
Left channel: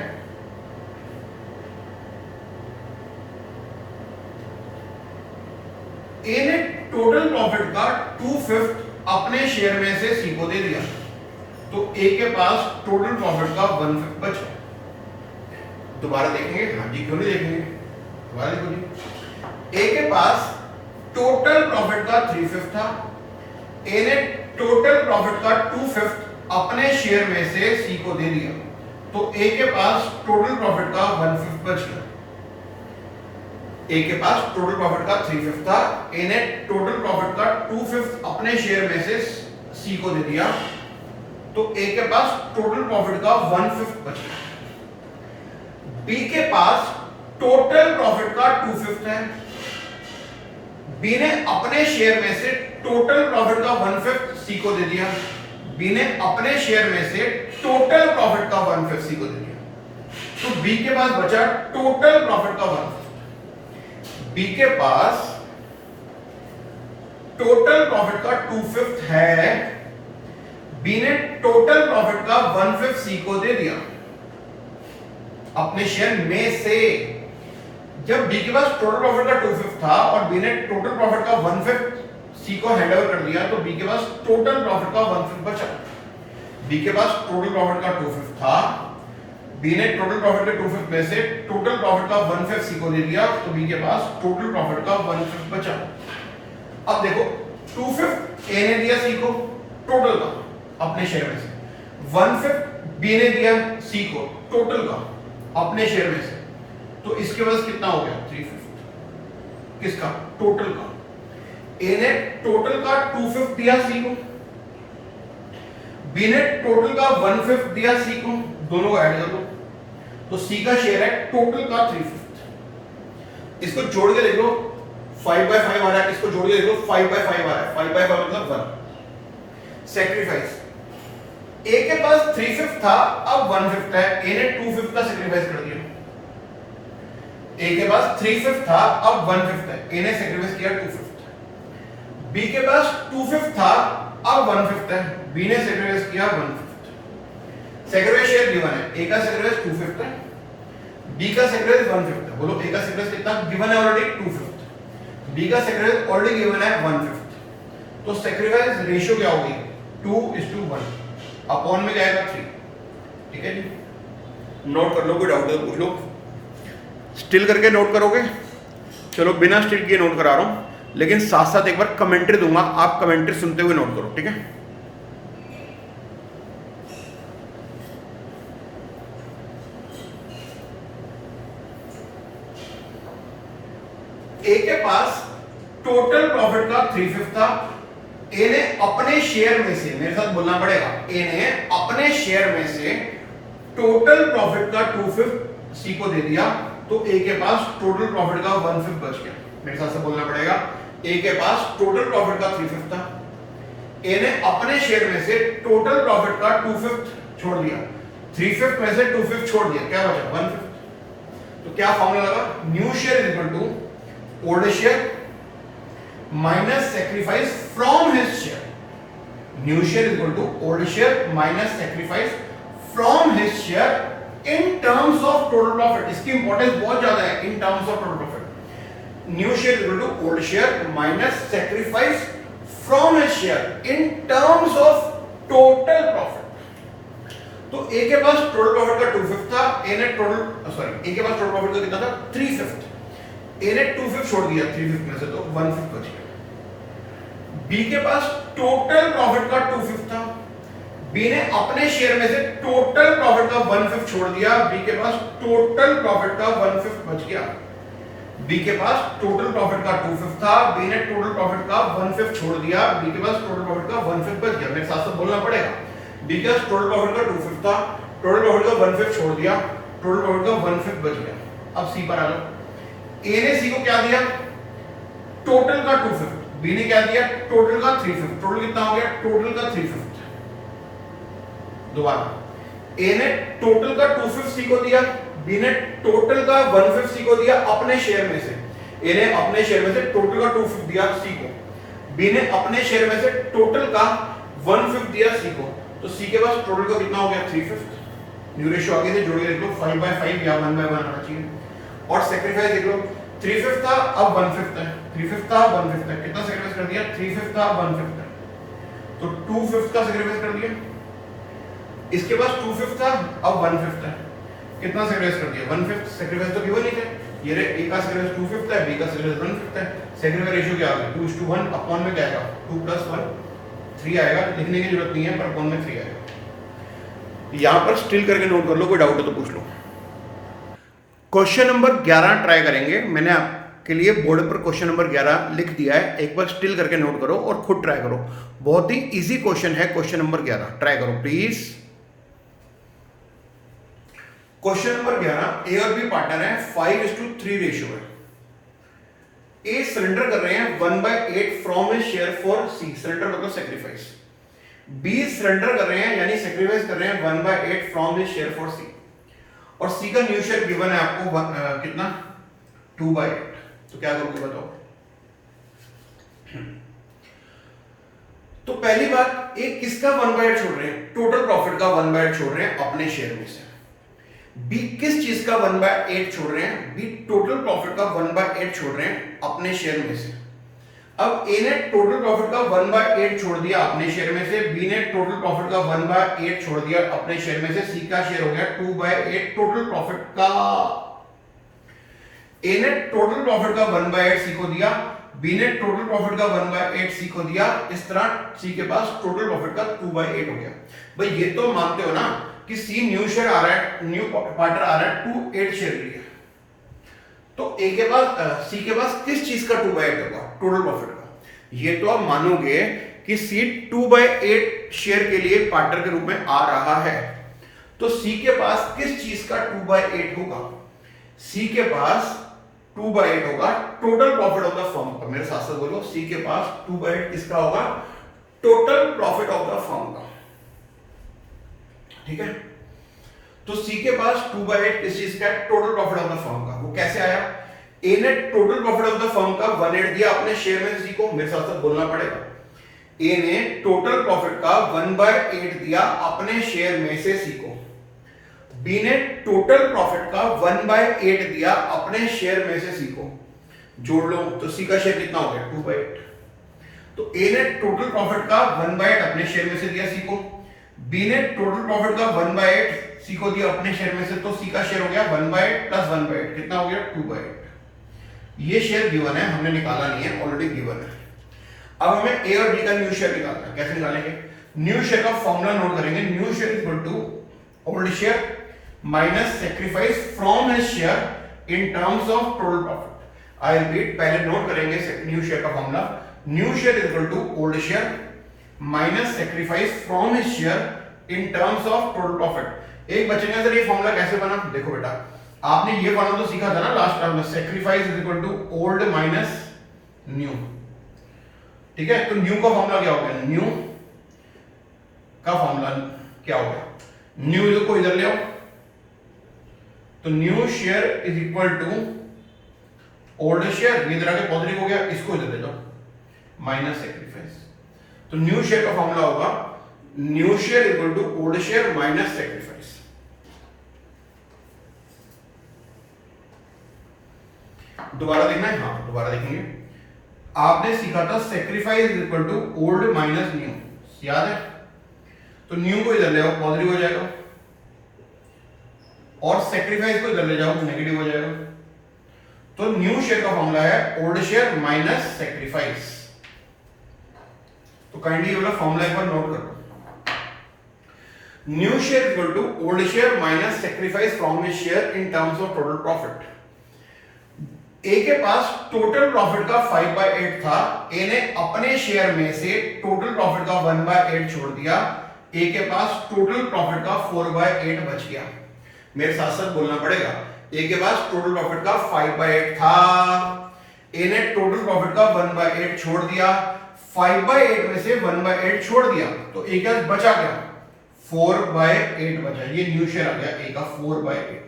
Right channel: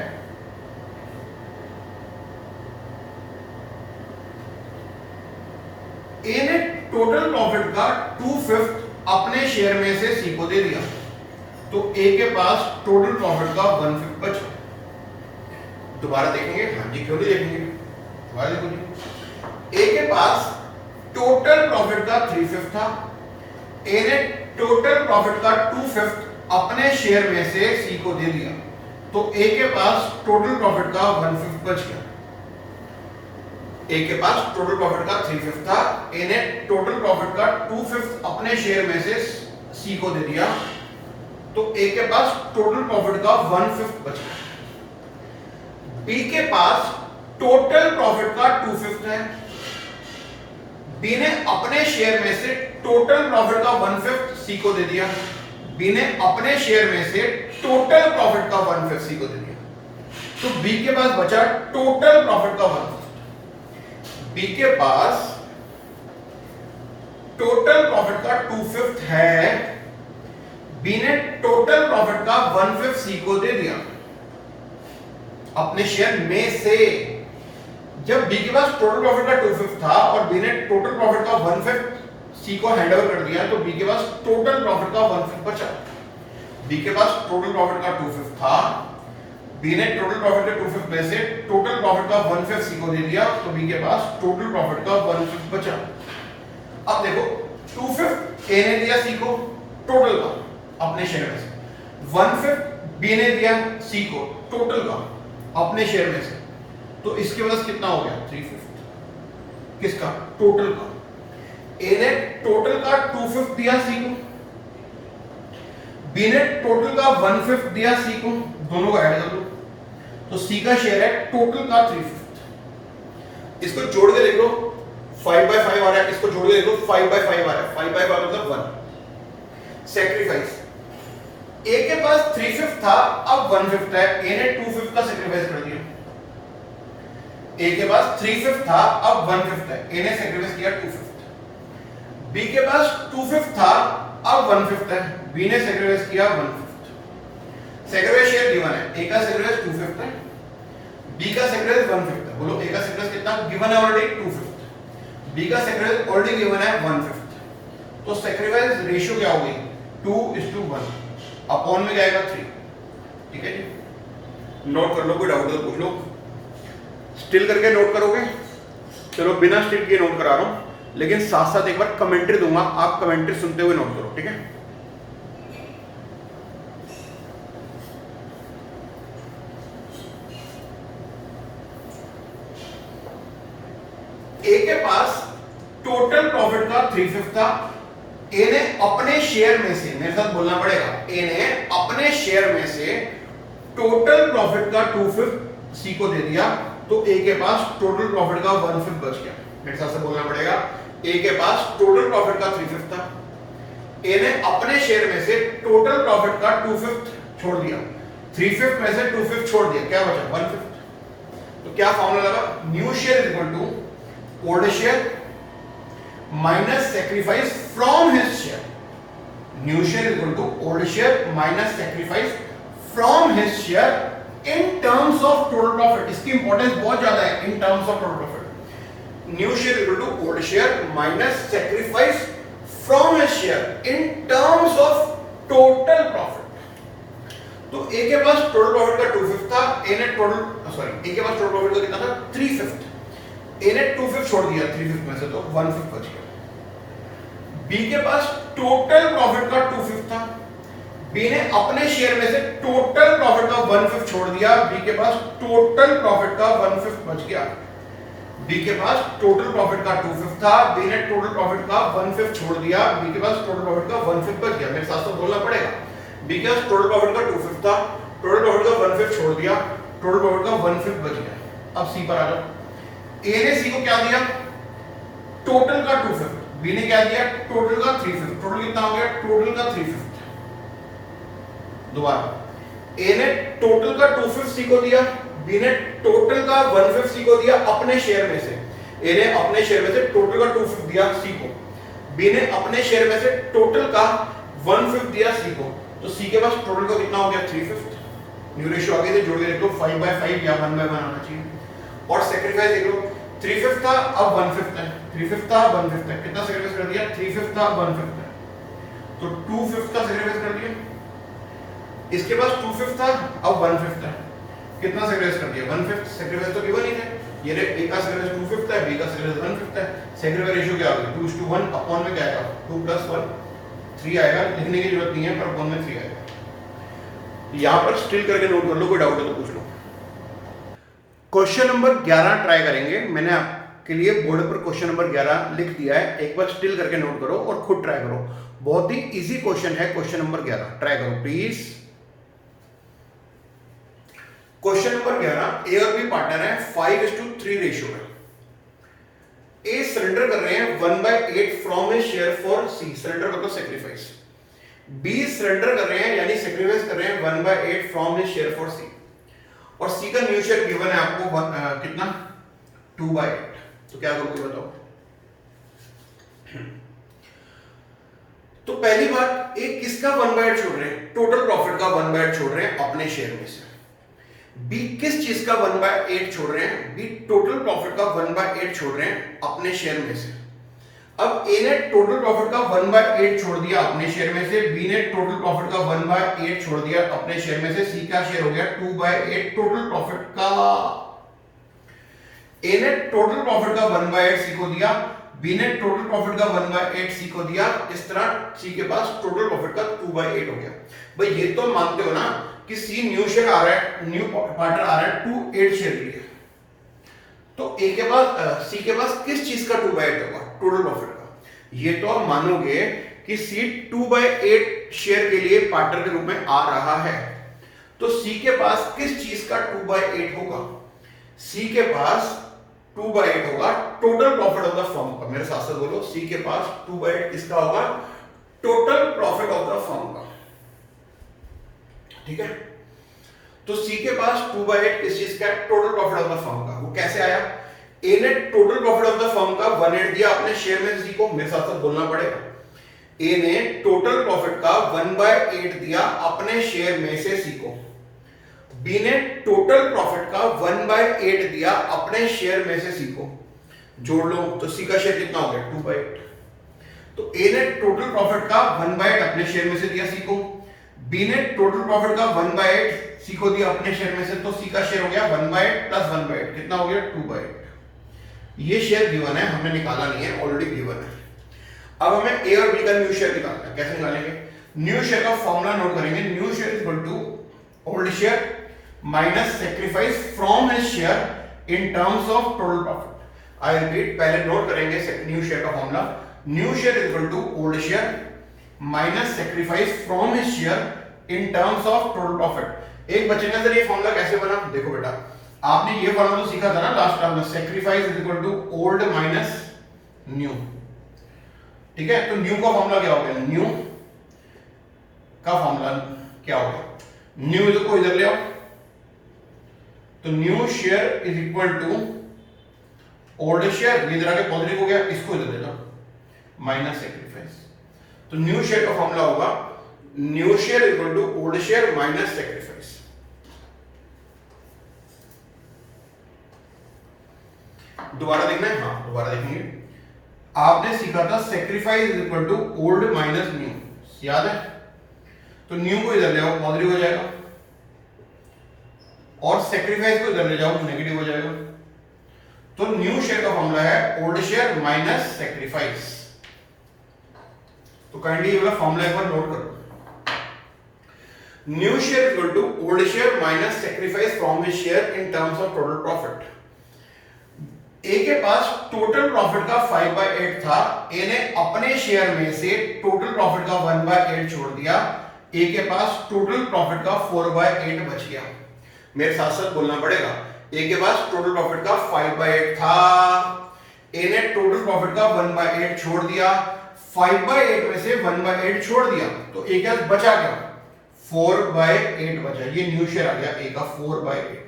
ए ने टोटल प्रॉफिट का 2/5 अपने शेयर में से सी को दे दिया, तो ए के पास टोटल प्रॉफिट का 1/5 बचा। दोबारा देखेंगे, हाँ जी क्यों नहीं देखेंगे, दोबारा देखो जी। ए के पास टोटल प्रॉफिट का 3/5 था, ए ने टोटल प्रॉफिट का 2/5 अपने शेयर में से सी को दे दिया, तो ए के पास टोटल प्रॉफिट का 1/5 बच गया। ए के पास टोटल प्रॉफिट का 3/5 था, ए ने टोटल प्रॉफिट का 2/5 अपने शेयर में से सी को दे दिया, तो ए के पास टोटल प्रॉफिट का 1/5 बच गया। बी के पास टोटल प्रॉफिट का 2/5 है, बी ने अपने शेयर में से टोटल प्रॉफिट का 1/5 सी को दे दिया, बी ने अपने शेयर में से टोटल प्रॉफिट का 1/5 सी को दे दिया, तो बी के पास बचा टोटल प्रॉफिट का 1/5। बी के पास टोटल प्रॉफिट का 2/5 है, बी ने टोटल प्रॉफिट का 1/5 सी को दे दिया अपने शेयर में से। जब बी के पास टोटल प्रॉफिट का 2/5 था और बी ने टोटल प्रॉफिट का 1/5 सी को हैंड ओवर कर दिया, तो बी के पास टोटल प्रॉफिट का 1/5 बचा। बी के पास टोटल प्रॉफिट का 2/5 था, बी ने टोटल प्रॉफिट के 2/5 में से टोटल प्रॉफिट का 1/5 सी को दे दिया, तो बी के पास टोटल प्रॉफिट का 1/5 बचा। अब देखो 2/5 ए ने दिया सी को टोटल का अपने शेयर में से, 1/5 बी ने दिया सी को टोटल का अपने शेयर में से, तो इसके वजह से कितना हो गया 3/5 किसका टोटल का। ए ने टोटल का 2/5 दिया सी को, बी ने टोटल का 1/5 दिया सी को, दोनों को ऐड कर लो तो सी का शेयर है टोटल का 3/5। इसको जोड़ के देख लो 5/5 आ रहा है, इसको जोड़ के देख लो 5/5 आ रहा है, 5/5 मतलब 1। सैक्रिफाइस, ए के पास 3/5 था, अब 1/5 है, ए ने 2/5 का सैक्रिफाइस कर दिया। ए के पास 3/5 था, अब 1/5 है, ए ने सैक्रिफाइस किया 2/5। बी के पास 2/5 था, अब 1/5 है, बी ने सैक्रिफाइस किया 1/5। सैक्रिफाइस शेयर गिवन है, ए का सैक्रिफाइस 2/5 है, बी का सैक्रिफाइस 1/5 है। बोलो ए का सैक्रिफाइस कितना गिवन है ऑलरेडी 2/5, बी का सैक्रिफाइस ऑलरेडी गिवन है 1/5, तो सैक्रिफाइस रेशियो क्या होगी 2:1, अपॉन में जाएगा 3। ठीक है जी, नोट कर लो, कोई डाउट हो तो पूछ लो। स्टिल करके नोट करोगे, चलो बिना स्टिल किए नोट करा रहा हूं, लेकिन साथ साथ एक बार कमेंट्री दूंगा, आप कमेंट्री सुनते हुए नोट करो। ठीक है, ए के पास टोटल प्रॉफिट का 3/5 था, ए ने अपने शेयर में से, मेरे साथ बोलना पड़ेगा, ए ने अपने शेयर में से टोटल प्रॉफिट का 2/5 सी को दे दिया, तो ए के पास टोटल प्रॉफिट का 1/5 बच गया। मेरे साथ से बोलना पड़ेगा, ए के पास टोटल प्रॉफिट का 3/5 था, ए ने अपने शेयर में से टोटल प्रॉफिट का 2/5 छोड़ दिया, 3/5 में से 2/5 छोड़ दिया, क्या बचा 1/5। तो क्या फॉर्मूला लगा, new share equal to old share minus sacrifice from his share. New share equal to old share minus sacrifice from his share in terms of total profit. इसकी इंपॉर्टेंस बहुत ज्यादा है, in terms of total profit. New share equal to old share minus sacrifice from his share in terms of total profit. तो ए के पास टोटल प्रॉफिट का 2/5 था, ए ने ए के पास टोटल प्रॉफिट का कितना था 3/5, ए ने 2/5 छोड़ दिया 3/5 में से, तो 1/5 बच गया। बी के पास टोटल प्रॉफिट का 2/5 था, बी ने अपने शेयर में से टोटल प्रॉफिट का 1/5 छोड़ दिया, बी के पास टोटल प्रॉफिट का 1/5 बच गया। बी के पास टोटल प्रॉफिट का 2/5 था, बी ने टोटल प्रॉफिट का 1/5 छोड़ दिया, बी के पास टोटल प्रॉफिट का 1/5 बच गया। मेरे साथ तो बोलना पड़ेगा, बी के पास टोटल प्रॉफिट का 2/5 था, टोटल प्रॉफिट का 1/5 छोड़ दिया, टोटल प्रॉफिट का 1/5 बच गया। अब सी पर आ जाओ, ए ने सी को क्या दिया टोटल का 2/5, बी ने क्या दिया टोटल का 3/5, टोटल कितना हो गया टोटल का 3/5। दोबारा, ए ने टोटल का 2/5 सी को दिया, बी ने टोटल का 1/5 सी को दिया अपने शेयर में से, ए ने अपने शेयर में से टोटल का 2/5 दिया सी को, बी ने अपने शेयर में से टोटल का 1/5 दिया सी को, तो सी के पास टोटल का कितना हो गया 3/5। न्यू रेशियो आगे से जोड़ के देख लो 5/5 या 1/1 आना चाहिए। और सेक्रीफाइस देख लो 3/5 था अब 1/5 है, 3/5 था 1/5 है, कितना सेक्रीफाइस कर दिया 3/5 था 1/5 है, तो 2/5 का सेक्रीफाइस कर दिया। इसके पास 2/5 था अब 1/5 है, कितना सेक्रीफाइस कर दिया 1/5। सेक्रीफाइस तो गिवन ही थे, ये रे ए का सेक्रीफाइस 2/5 है, बी का सेक्रीफाइस 1/5 है। सेक्रीफाइस रेशियो क्या होगा 2:1 अपॉन में क्या आएगा 2 + 1 3 आएगा, लिखने की जरूरत नहीं है पर अपॉन में 3 आएगा। यहां पर स्टिल करके नोट कर लो, कोई डाउट है तो पूछ लो। क्वेश्चन नंबर 11 ट्राई करेंगे, मैंने आपके लिए बोर्ड पर क्वेश्चन नंबर 11 लिख दिया है, एक बार स्टिल करके नोट करो और खुद ट्राई करो। बहुत ही इजी क्वेश्चन है क्वेश्चन नंबर 11, ट्राई करो प्लीज। क्वेश्चन नंबर 11, ए और बी पार्टनर है, 5:3 रेशियो है। ए सरेंडर कर रहे हैं 1/8 from his share for C, surrender मतलब सेक्रीफाइस। बी सरेंडर कर रहे हैं यानी सेक्रीफाइस कर रहे हैं 1/8 from his share for C, और सी का न्यू शेयर गिवन है आपको कितना 2/8, तो क्या करोगे बताओ। तो पहली बात, ए किसका 1/8 छोड़ रहे हैं, टोटल प्रॉफिट का 1/8 छोड़ रहे हैं अपने शेयर में से। बी किस चीज का 1/8 छोड़ रहे हैं, बी टोटल प्रॉफिट का 1/8 छोड़ रहे हैं अपने शेयर में से। अब ए ने टोटल प्रॉफिट का 1/8 छोड़ दिया अपने शेयर में से, बी ने टोटल प्रॉफिट का 1/8 छोड़ दिया अपने शेयर में से, सी का शेयर हो गया 2/8 टोटल प्रॉफिट का। ए ने टोटल प्रॉफिट का 1/8 सी को दिया, बी ने टोटल प्रॉफिट का 1/8 सी को दिया, इस तरह सी के पास टोटल प्रॉफिट का 2/8 हो गया। भाई ये तो मानते हो ना कि सी न्यू शेयर आ रहा है, न्यू पार्टनर आ रहा है 2/8 शेयर के लिए, तो ए के पास सी के पास किस चीज का 2/8 होगा, टोटल प्रॉफिट का। ये तो आप मानोगे कि सी 2/8 शेयर के लिए पार्टनर के रूप में आ रहा है, तो सी के पास किस चीज का 2/8 होगा, सी के पास 2/8 होगा total profit of the firm का। मेरे साथ साथ बोलो, सी के पास 2/8 किसका होगा, total profit of the firm का। ठीक है, तो सी के पास 2/8 किस चीज का, total profit of the firm का। वो कैसे आया, ए ने total profit of the firm का 1/8 दिया अपने शेयर में सी को, मेरे साथ साथ बोलना पड़ेगा। ए ने टोटल प्रॉफिट का 1/8 दिया अपने शेयर में से सी को, बी ने टोटल प्रॉफिट का 1/8 दिया अपने शेयर में से सी को, जोड़ लो तो सी का शेयर कितना हो गया 2/8। तो ए ने टोटल प्रॉफिट का 1/8 अपने शेयर में से दिया सी को, बी ने टोटल प्रॉफिट का 1/8 सी को दिया अपने शेयर में से, तो सी का शेयर हो गया 1/8 + 1/8 कितना हो गया 2/8। ये शेयर गिवन है, हमने निकाला नहीं है, ऑलरेडी गिवन है। अब हमें ए और बी का न्यू शेयर निकालना है, कैसे निकालेंगे, न्यू शेयर का फॉर्मूला नोट करेंगे, new share equal to old share minus sacrifice from his share in terms of total profit. I repeat, पहले नोट करेंगे न्यू शेयर का formula, new share equal to old share minus sacrifice from his share in terms of total profit. एक बच्चे ने सर ये फॉर्मूला कैसे बना, देखो बेटा आपने ये फॉर्मूला तो सीखा था ना लास्ट क्लास में, sacrifice is equal to old minus new. ठीक है, तो न्यू का फॉर्मूला क्या होगा, न्यू का फॉर्मूला क्या होगा, न्यू को इधर ले आओ, तो new share is equal to old share, ये इधर आके पॉजिटिव हो गया, इसको इधर ले जाओ माइनस सेक्रीफाइस, तो न्यू शेयर का फॉर्मूला होगा new share equal to old share minus sacrifice. दोबारा देखना है, हाँ दोबारा देखेंगे। आपने सीखा था sacrifice is equal to old minus new, याद है, तो न्यू को इधर ले आओ पॉजिटिव हो जाएगा, और सेक्रीफाइस को इधर ले जाओ नेगेटिव हो जाएगा, तो न्यू शेयर का फॉर्मूला है ओल्ड शेयर माइनस सेक्रीफाइस। तो काइंडली ये वाला फॉर्मूला एक बार नोट करो, new share equal to old share minus sacrifice from his share in terms of total profit. A के पास टोटल प्रॉफिट का 5/8 था, ए ने अपने शेयर में से टोटल प्रॉफिट का 1/8 छोड़ दिया, ए के पास टोटल प्रॉफिट का 4/8 बच गया। मेरे साथ साथ बोलना पड़ेगा, ए के पास टोटल प्रॉफिट का 5/8 था, ए ने टोटल प्रॉफिट का 1/8 छोड़ दिया, 5/8 में से 1/8 छोड़ दिया, तो ए के पास बचा क्या 4/8 बचा, ये न्यू शेयर आ गया ए का 4/8।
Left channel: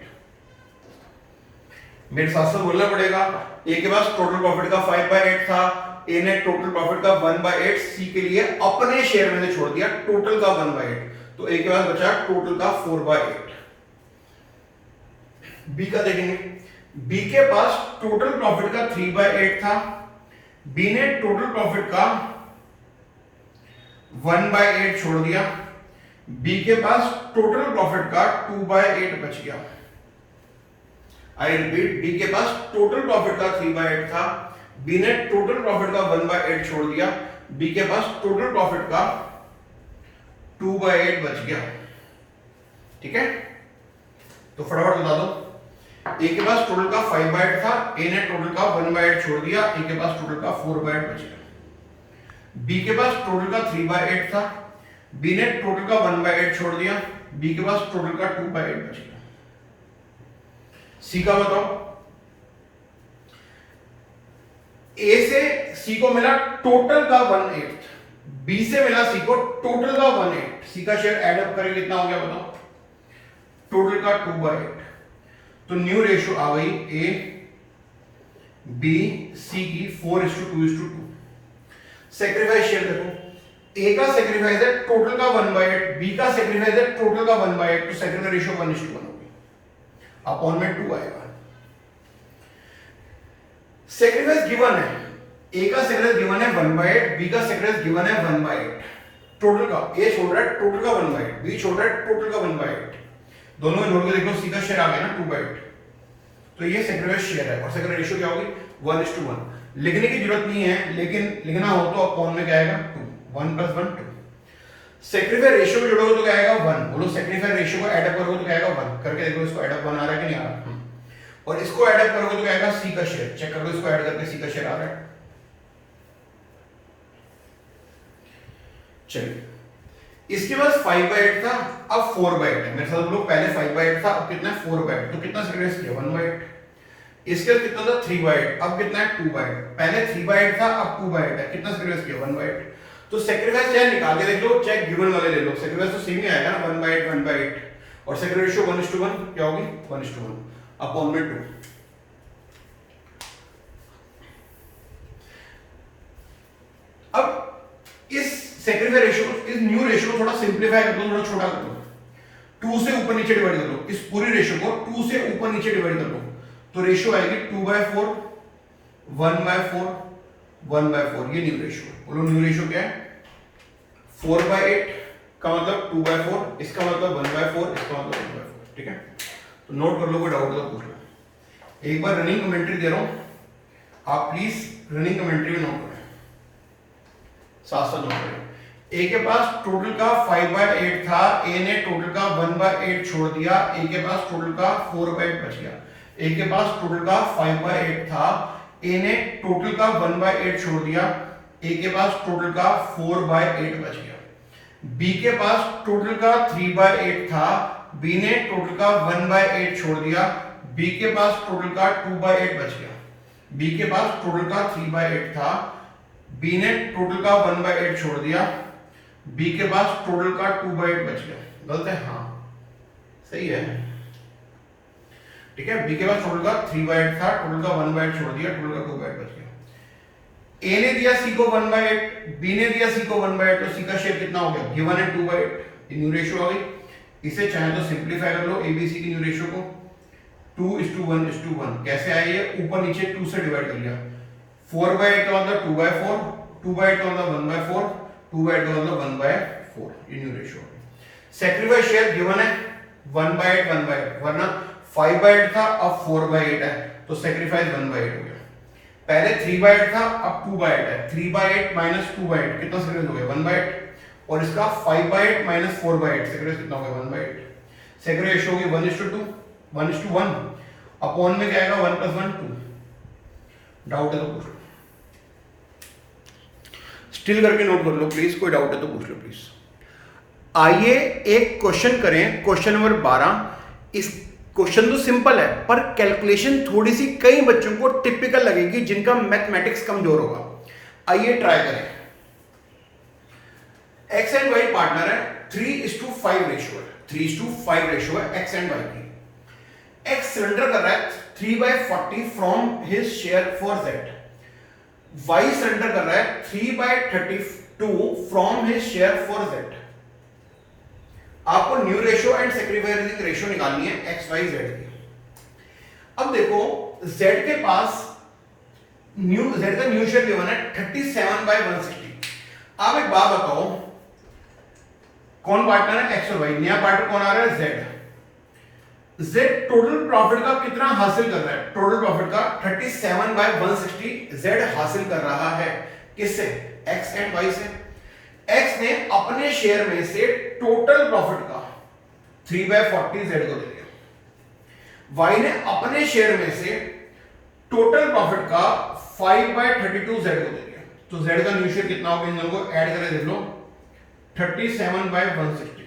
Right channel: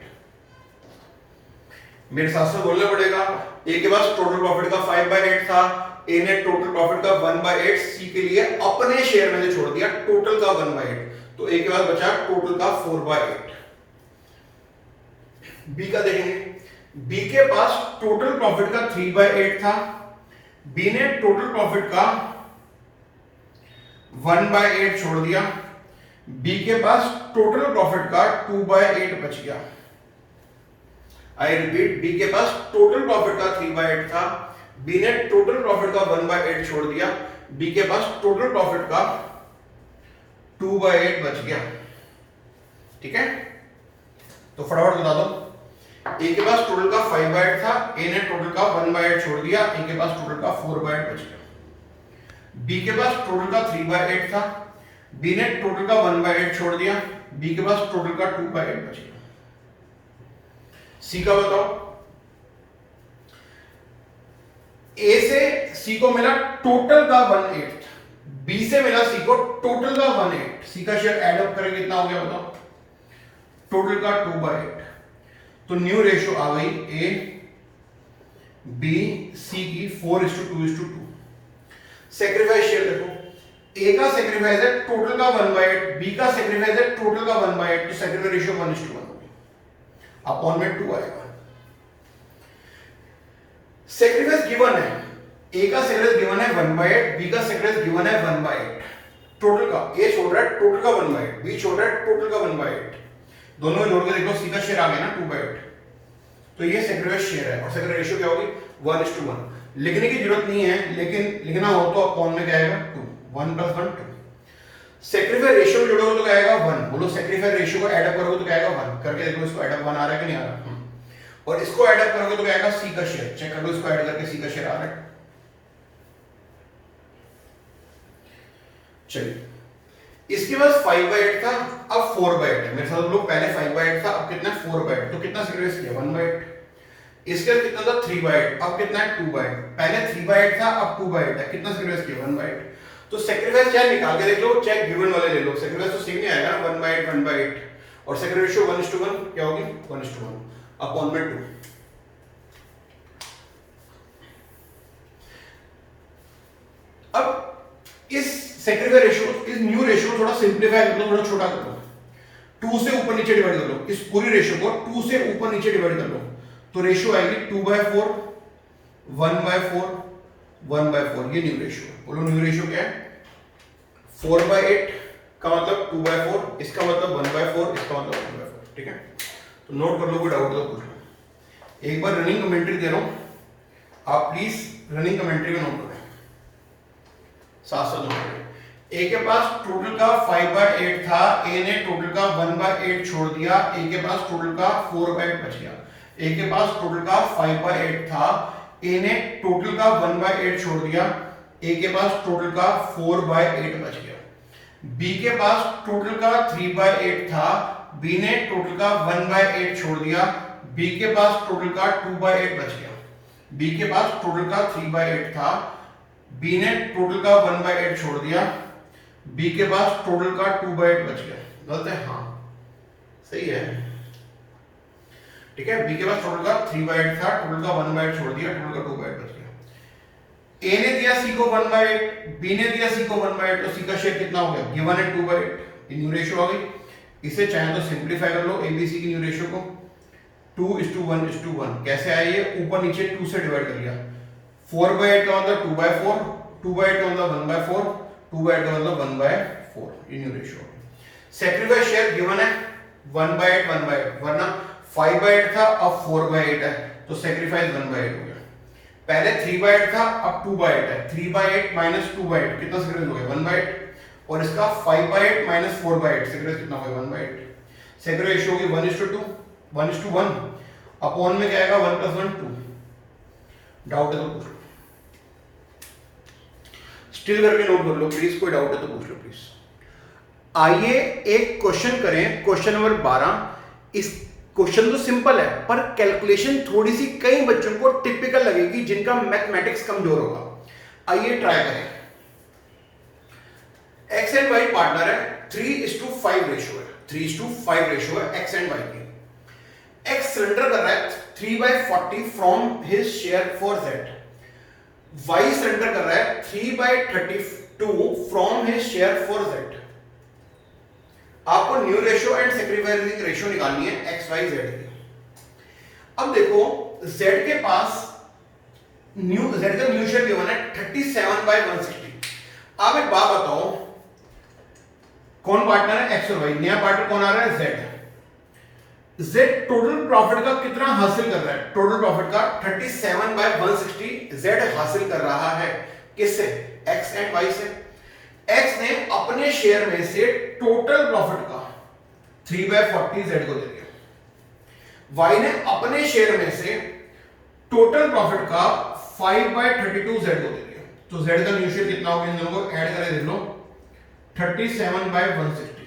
मेरे साथ से बोलना पड़ेगा। ए के पास टोटल प्रॉफिट का 5/8 था, ए ने टोटल प्रॉफिट का 1/8 सी के लिए अपने शेयर में से छोड़ दिया, टोटल का 1/8, तो ए के पास बचा टोटल का 4/8। बी का देखेंगे, बी के पास टोटल प्रॉफिट का 3/8 था, बी ने टोटल प्रॉफिट का 1/8 छोड़ दिया, बी के पास टोटल प्रॉफिट का 2/8 बच गया। आई रिपीट, बी के पास टोटल प्रॉफिट का 3/8 था, बी ने टोटल प्रॉफिट का 1/8 छोड़ दिया, बी के पास टोटल प्रॉफिट का 2/8 बच गया। ठीक है, तो फटाफट बता दो। ए के पास टोटल का 5/8 था, ए ने टोटल का 1/8 छोड़ दिया, ए के पास टोटल का 4/8 बच गया। बी के पास टोटल का 3/8 था, बी ने टोटल का 1/8 छोड़ दिया, बी के पास टोटल का 2/8 बच गया। सी का बताओ। ए से सी को मिला टोटल का 1/8, बी से मिला सी को टोटल का 1/8, सी का शेयर एड अप करें कितना हो गया बताओ, टोटल का 2/8। तो न्यू रेशियो आ गई ए बी सी की 4:2:2। सेक्रीफाइस शेयर देखो, ए का सेक्रीफाइस है टोटल का 1/8, बी का सेक्रीफाइस है टोटल का 1/8, तो सेक्रीफाइस रेशियो 1:1 होगी, अपॉन में 2 आएगा। सेक्रीफाइस गिवन है, ए का सेक्रीफाइस गिवन है 1/8, बी का सेक्रीफाइस गिवन है 1/8, टोटल का ए छोड़ रहा है टोटल का 1/8, बी छोड़ रहा है टोटल का 1/8, दोनों में जोड़ के देख लो, सी का शेयर आ गया ना 2/8, तो ये सेक्रीफाइस शेयर है और सेक्रीफाइस रेशियो क्या होगी 1:1। लिखने की जरूरत नहीं है, लेकिन लिखना हो तो अपॉन में क्या आएगा 2, 1 + 1 2। सेक्रीफाइस रेशियो जोड़ोगे तो क्या आएगा 1, बोलो सेक्रीफाइस रेशियो को ऐड अप करोगे तो क्या आएगा 1, करके देखो इसको ऐड अप 1 आ रहा है कि नहीं आ रहा, और इसको ऐड अप करोगे तो क्या आएगा सी का शेयर, चेक कर लो इसको ऐड करके सी का शेयर आ रहा है। चलिए, इसके पास 5/8 था, अब 4/8 है। मेरे साथ लोग पहले 5/8 था, अब कितना है 4/8, तो कितना सेक्रीफाइस किया 1/8। इसके बाद कितना था 3/8, अब कितना है 2/8, पहले 3/8 था अब 2/8 है, कितना सेक्रीफाइस किया 1/8। तो सेक्रीफाइस चाहे निकाल के देख लो, चाहे गिवन वाले ले लो, सेक्रीफाइस तो सेम ही आएगा ना 1/8 1/8, और सेक्रीफाइस रेशियो 1:1 क्या होगी 1:1 अपॉन में 2। अब इस सेक्रीफाइस रेशियो, इस न्यू रेशियो को थोड़ा सिंपलीफाई कर लो, थोड़ा छोटा कर लो, 2 से ऊपर नीचे डिवाइड कर लो, इस पूरी रेशियो को 2 से ऊपर नीचे डिवाइड कर लो, तो रेशियो आएगी 2/4 1/4 1/4, ये न्यू रेशियो। बोलो न्यू रेशियो क्या है 4/8 का मतलब 2/4, इसका मतलब 1/4, इसका मतलब 1/4। ठीक है, तो नोट कर लो, कोई डाउट हो तो पूछ लो। एक बार रनिंग कमेंट्री दे रहा हूं, आप प्लीज रनिंग कमेंट्री में नोट करें, साथ साथ नोट करें। ए के पास टोटल का 5/8 था, ए ने टोटल का 1/8 छोड़ दिया, ए के पास टोटल का 4/8 बच गया। ए के पास टोटल का 5/8 था, ए ने टोटल का 1/8 छोड़ दिया, ए के पास टोटल का 4/8 बच गया। बी के पास टोटल का 3/8 था, बी ने टोटल का 1/8 छोड़ दिया, बी के पास टोटल का 2/8 बच गया। बी के पास टोटल का 3/8 था, बी ने टोटल का 1/8 छोड़ दिया, बी के पास टोटल का 2/8 बच गया। गलत है? हाँ सही है। ठीक है, बी के पास टोटल का 3/8 था, टोटल का 1/8 छोड़ दिया, टोटल का 2/8 बच गया। ए ने दिया सी को 1/8, बी ने दिया सी को 1/8, तो सी का शेयर कितना हो गया गिवन है 2/8, ये न्यू रेशियो आ गई। इसे चाहे तो सिंपलीफाई कर लो एबीसी की न्यू रेशियो को, 2:1:1। कैसे आए ये, ऊपर नीचे 2 से डिवाइड कर लिया, 4/8 का मतलब 2/4, 2/8 का मतलब 1/4, 2/8 का मतलब 1/4, ये new ratio. Sacrifice share given है 1/8 1/8, वरना 5/8 था अब 4/8 है, तो सैक्रिफाइस 1/8 हो गया। पहले 3/8 था अब 2/8 है, 3/8 माइनस 2/8 कितना सैक्रिफाइस हो गया 1/8, और इसका 5/8 माइनस 4/8 सैक्रिफाइस कितना हो गया 1/8। सैक्रिफाइस रेशियो होगी 1:2 1:1, अपॉन में क्या आएगा 1 + 1 2। डाउट है तो पूछ लो, स्टिल करके नोट कर लो प्लीज, कोई डाउट है तो पूछ लो प्लीज। आइए एक क्वेश्चन करें, क्वेश्चन नंबर 12। इस क्वेश्चन तो सिंपल है पर कैलकुलेशन थोड़ी सी कई बच्चों को टिपिकल लगेगी जिनका मैथमेटिक्स कमजोर होगा। आइए ट्राई करें। एक्स एंड वाई पार्टनर है, 3:5 रेशियो है, 3:5 रेशियो है एक्स एंड वाई की। एक्स सरेंडर कर रहा है 3/40 from his share for Z, Y surrender कर रहा है 3/32 from his share for Z. आपको new ratio and sacrificing ratio निकालनी है एक्स वाई जेड की। अब देखो जेड के पास जेड का न्यू शेयर गिवन है 37/160। आप एक बात बताओ, कौन पार्टनर है एक्स और वाई, नया पार्टनर कौन आ रहा है जेड। जेड टोटल प्रॉफिट का कितना हासिल कर रहा है, टोटल प्रॉफिट का 37/160 जेड हासिल कर रहा है, किससे, एक्स एंड वाई से। एक्स ने अपने शेयर में से टोटल प्रॉफिट का 3/40 जेड को दे दिया, वाई ने अपने शेयर में से टोटल प्रॉफिट का 5/32 जेड को दे दिया। तो जेड का न्यू शेयर कितना होगा, इन दोनों को ऐड करके देख लो 37/160।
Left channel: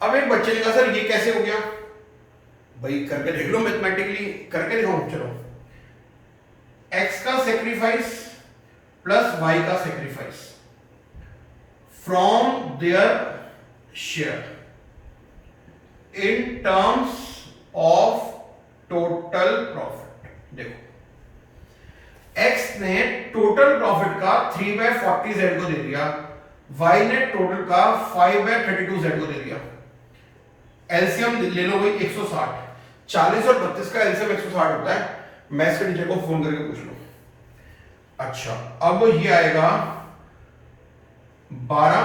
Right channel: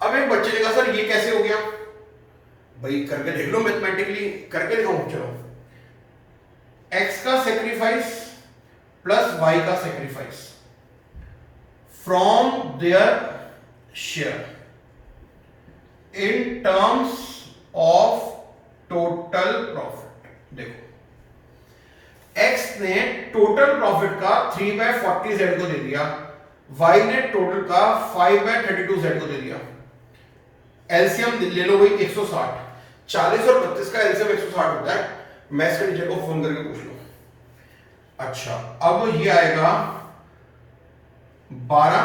अब एक बच्चे ने कहा सर ये कैसे हो गया, भाई करके देख लो, मैथमेटिकली करके देखो। चलो, एक्स का सेक्रीफाइस प्लस वाई का sacrifice from their share in terms of total profit. देखो एक्स ने टोटल प्रॉफिट का 3/40 जेड को दे दिया, वाई ने टोटल का 5/32 जेड को दे दिया। एलसीएम ले लो भाई 160, 40 और 32 का एलसीएम 160 होता है। मैथ्स के टीचर को फोन करके पूछ लो। अच्छा, अब ये आएगा 12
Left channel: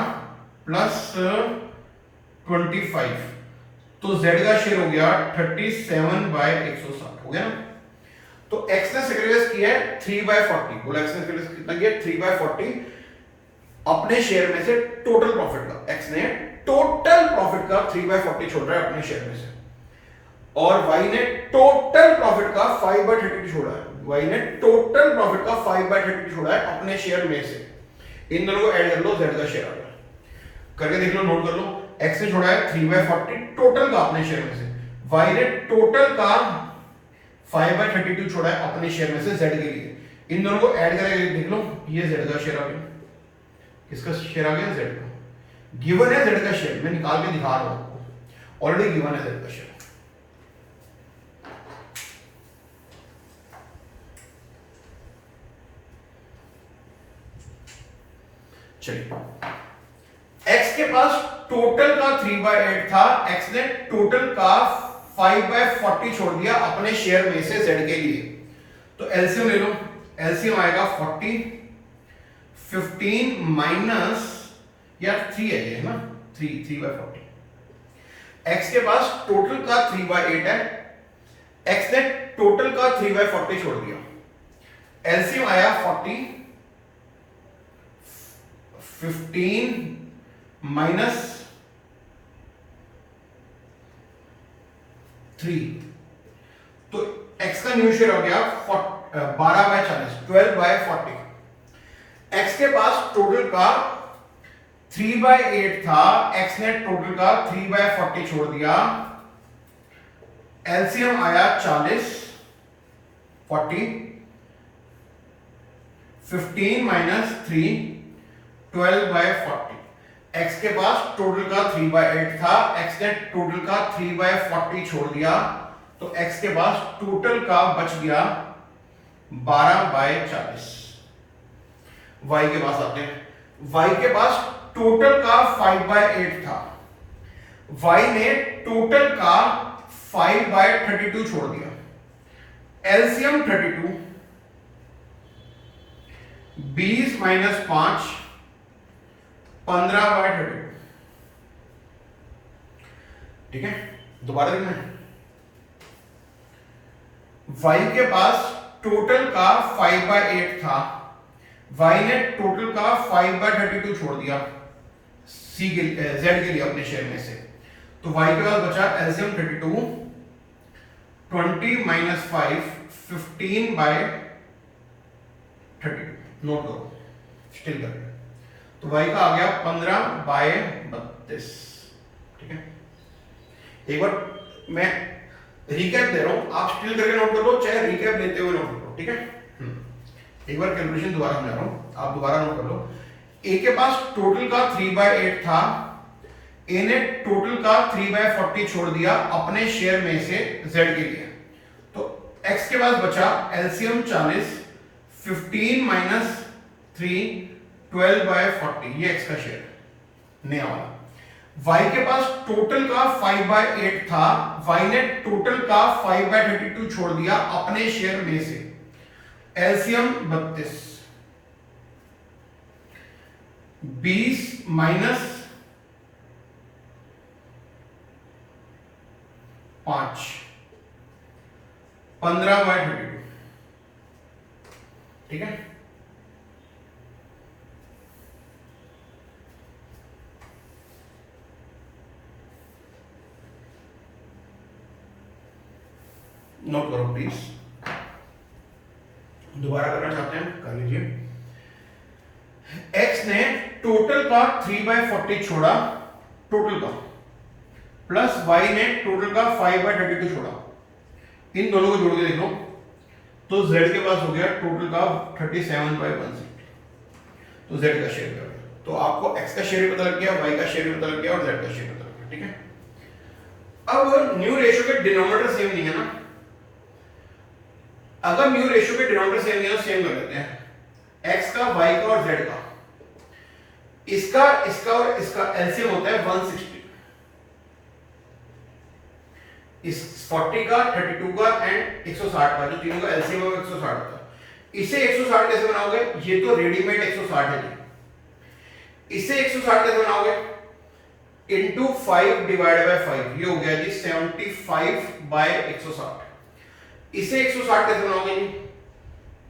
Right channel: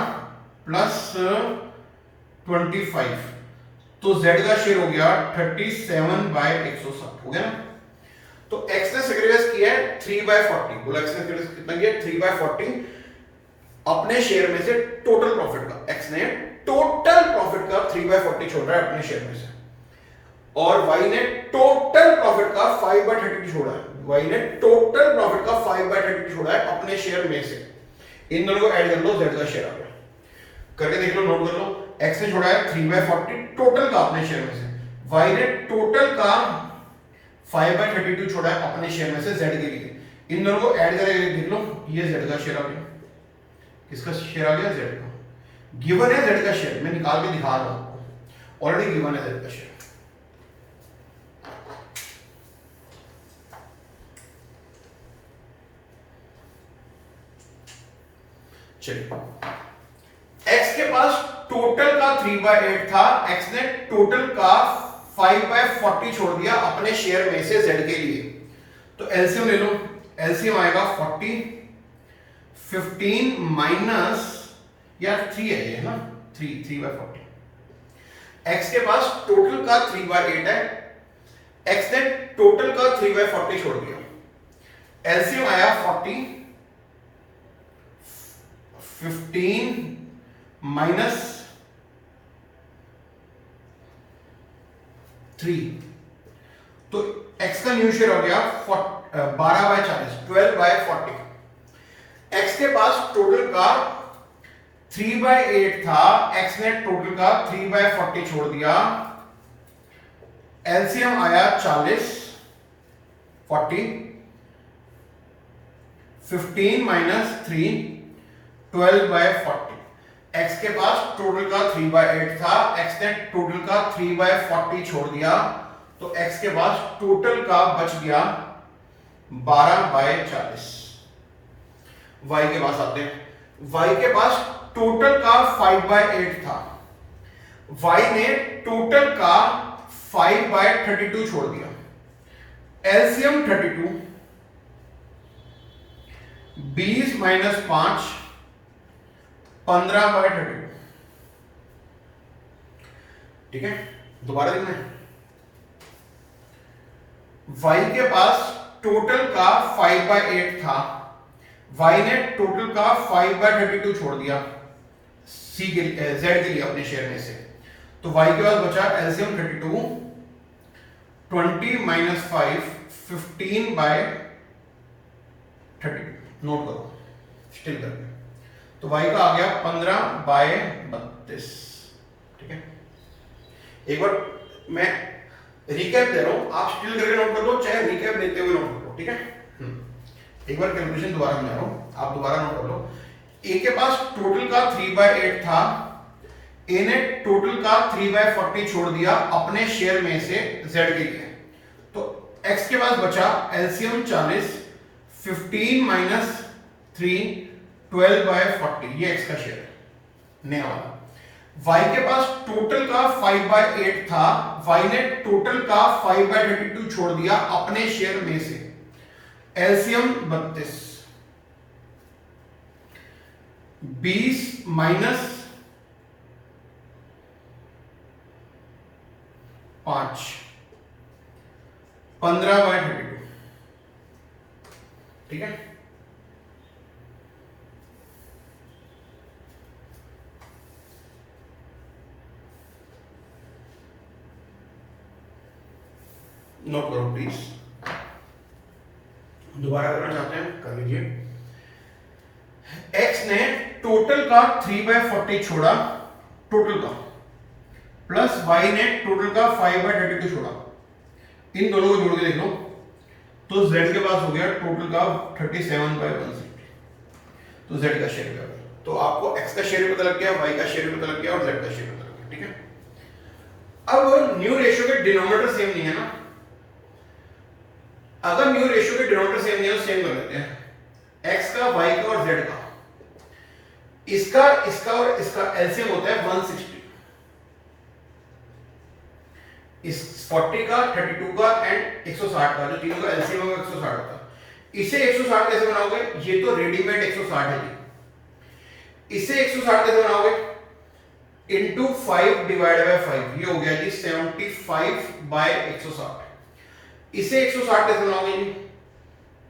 प्लस 25, तो जेड का शेयर हो गया 37/160 हो गया ना। तो एक्स ने सेक्रीफाइस किया है 3/40, बोला एक्स ने सेक्रीफाइस कितना किया 3/40 अपने शेयर में से टोटल प्रॉफिट का। एक्स ने टोटल प्रॉफिट का 3/40 छोड़ रहा है अपने शेयर में से, और वाई ने टोटल प्रॉफिट का 5/32 छोड़ा है, वाई ने टोटल प्रॉफिट का 5/32 छोड़ा है अपने शेयर में से। इन दोनों को ऐड कर लो, जेड का शेयर आ गया, करके देख लो, नोट कर लो। एक्स ने छोड़ा है 3/40 टोटल का अपने शेयर में से, वाई ने टोटल का 5/32 छोड़ा है अपने शेयर में से जेड के लिए। इन दोनों को ऐड करके देख लो, ये जेड का शेयर आ गया। किसका शेयर आ गया, जेड का। गिवन है जेड का शेयर, मैं निकाल के दिखा रहा हूं आपको, ऑलरेडी गिवन है जेड का शेयर। चलिए, एक्स के पास टोटल का 3/8 था, एक्स ने टोटल का 5/40 छोड़ दिया अपने शेयर में से जेड के लिए। तो एलसीएम ले लो, एलसीएम आएगा 40, 15 माइनस यार 3 है ये ना, 3/40। एक्स के पास टोटल का 3/8 है, एक्स ने टोटल का 3/40 छोड़ दिया। एलसीएम आया 40, 15 माइनस 3, तो एक्स का न्यू शेयर हो गया 12/40, 12/40। एक्स के पास टोटल का 3/8 था, एक्स ने टोटल का 3/40 छोड़ दिया। एलसीएम आया 40, 40, 15 माइनस 3, 12/40। एक्स के पास टोटल का 3/8 था, एक्स ने टोटल का 3/40 छोड़ दिया, तो एक्स के पास टोटल का बच गया 12/40। वाई के पास आते हैं, वाई के पास टोटल का 5/8 था, वाई ने टोटल का 5/32 छोड़ दिया। LCM 32, 20 minus 5, 15/32। ठीक है, दोबारा देखना है। वाई के पास टोटल का 5/8 था, वाई ने टोटल का 5/32 छोड़ दिया सी के जेड के लिए अपने शेयर में से, तो वाई के पास बचा एलसीएम 32, 20 माइनस 5, 15/32। नोट करो, स्टिल कर, तो वाई का आ गया 15/32। ठीक है, एक बार मैं रिकैप दे रहा हूं, आप स्टिल करके नोट कर लो, चाहे रिकैप देते हुए नोट कर लो। ठीक है, एक बार कैलकुलेशन दोबारा मैं रहा हूं, आप दोबारा नोट कर लो। ए के पास टोटल का 3/8 था, ए ने टोटल का 3/40 छोड़ दिया अपने शेयर में से जेड के लिए, तो एक्स के पास बचा एलसीएम 40, 15 माइनस 3 12/40, ये एक्स का शेयर नया वाला। y के पास टोटल का 5/8 था, y ने टोटल का 5/32 छोड़ दिया अपने शेयर में से, एलसीएम 32, 20 माइनस 5 15/32, ठीक है। नोट करो प्लीज, दोबारा करना चाहते हैं कर लीजिए। x ने टोटल का 3/40 छोड़ा, टोटल का, प्लस y ने टोटल का 5/32 छोड़ा, इन दोनों को जोड़ के देख लो तो z के पास हो गया टोटल का 37/160, तो z का शेयर हो गया। तो आपको x का शेयर भी पता लग गया, y का शेयर भी पता लग गया और z का शेयर पता लग गया, ठीक है। अब न्यू रेशियो के डिनोमिनेटर सेम नहीं है ना, अगर न्यू रेशियो के डिनोमिनेटर सेम नहीं है तो सेम कर लेते हैं। x का, y का और z का, इसका और इसका एलसीएम होता है 160, इस 40 का, 32 का एंड 160 का, जो तीनों का एलसीएम है वो 160 होता है। इसे 160 कैसे बनाओगे, ये तो रेडीमेड 160 है, इसे 160 कैसे बनाओगे, इंटू 5/5, ये हो गया जी 75/160। इसे 160 कैसे बनाओगे जी,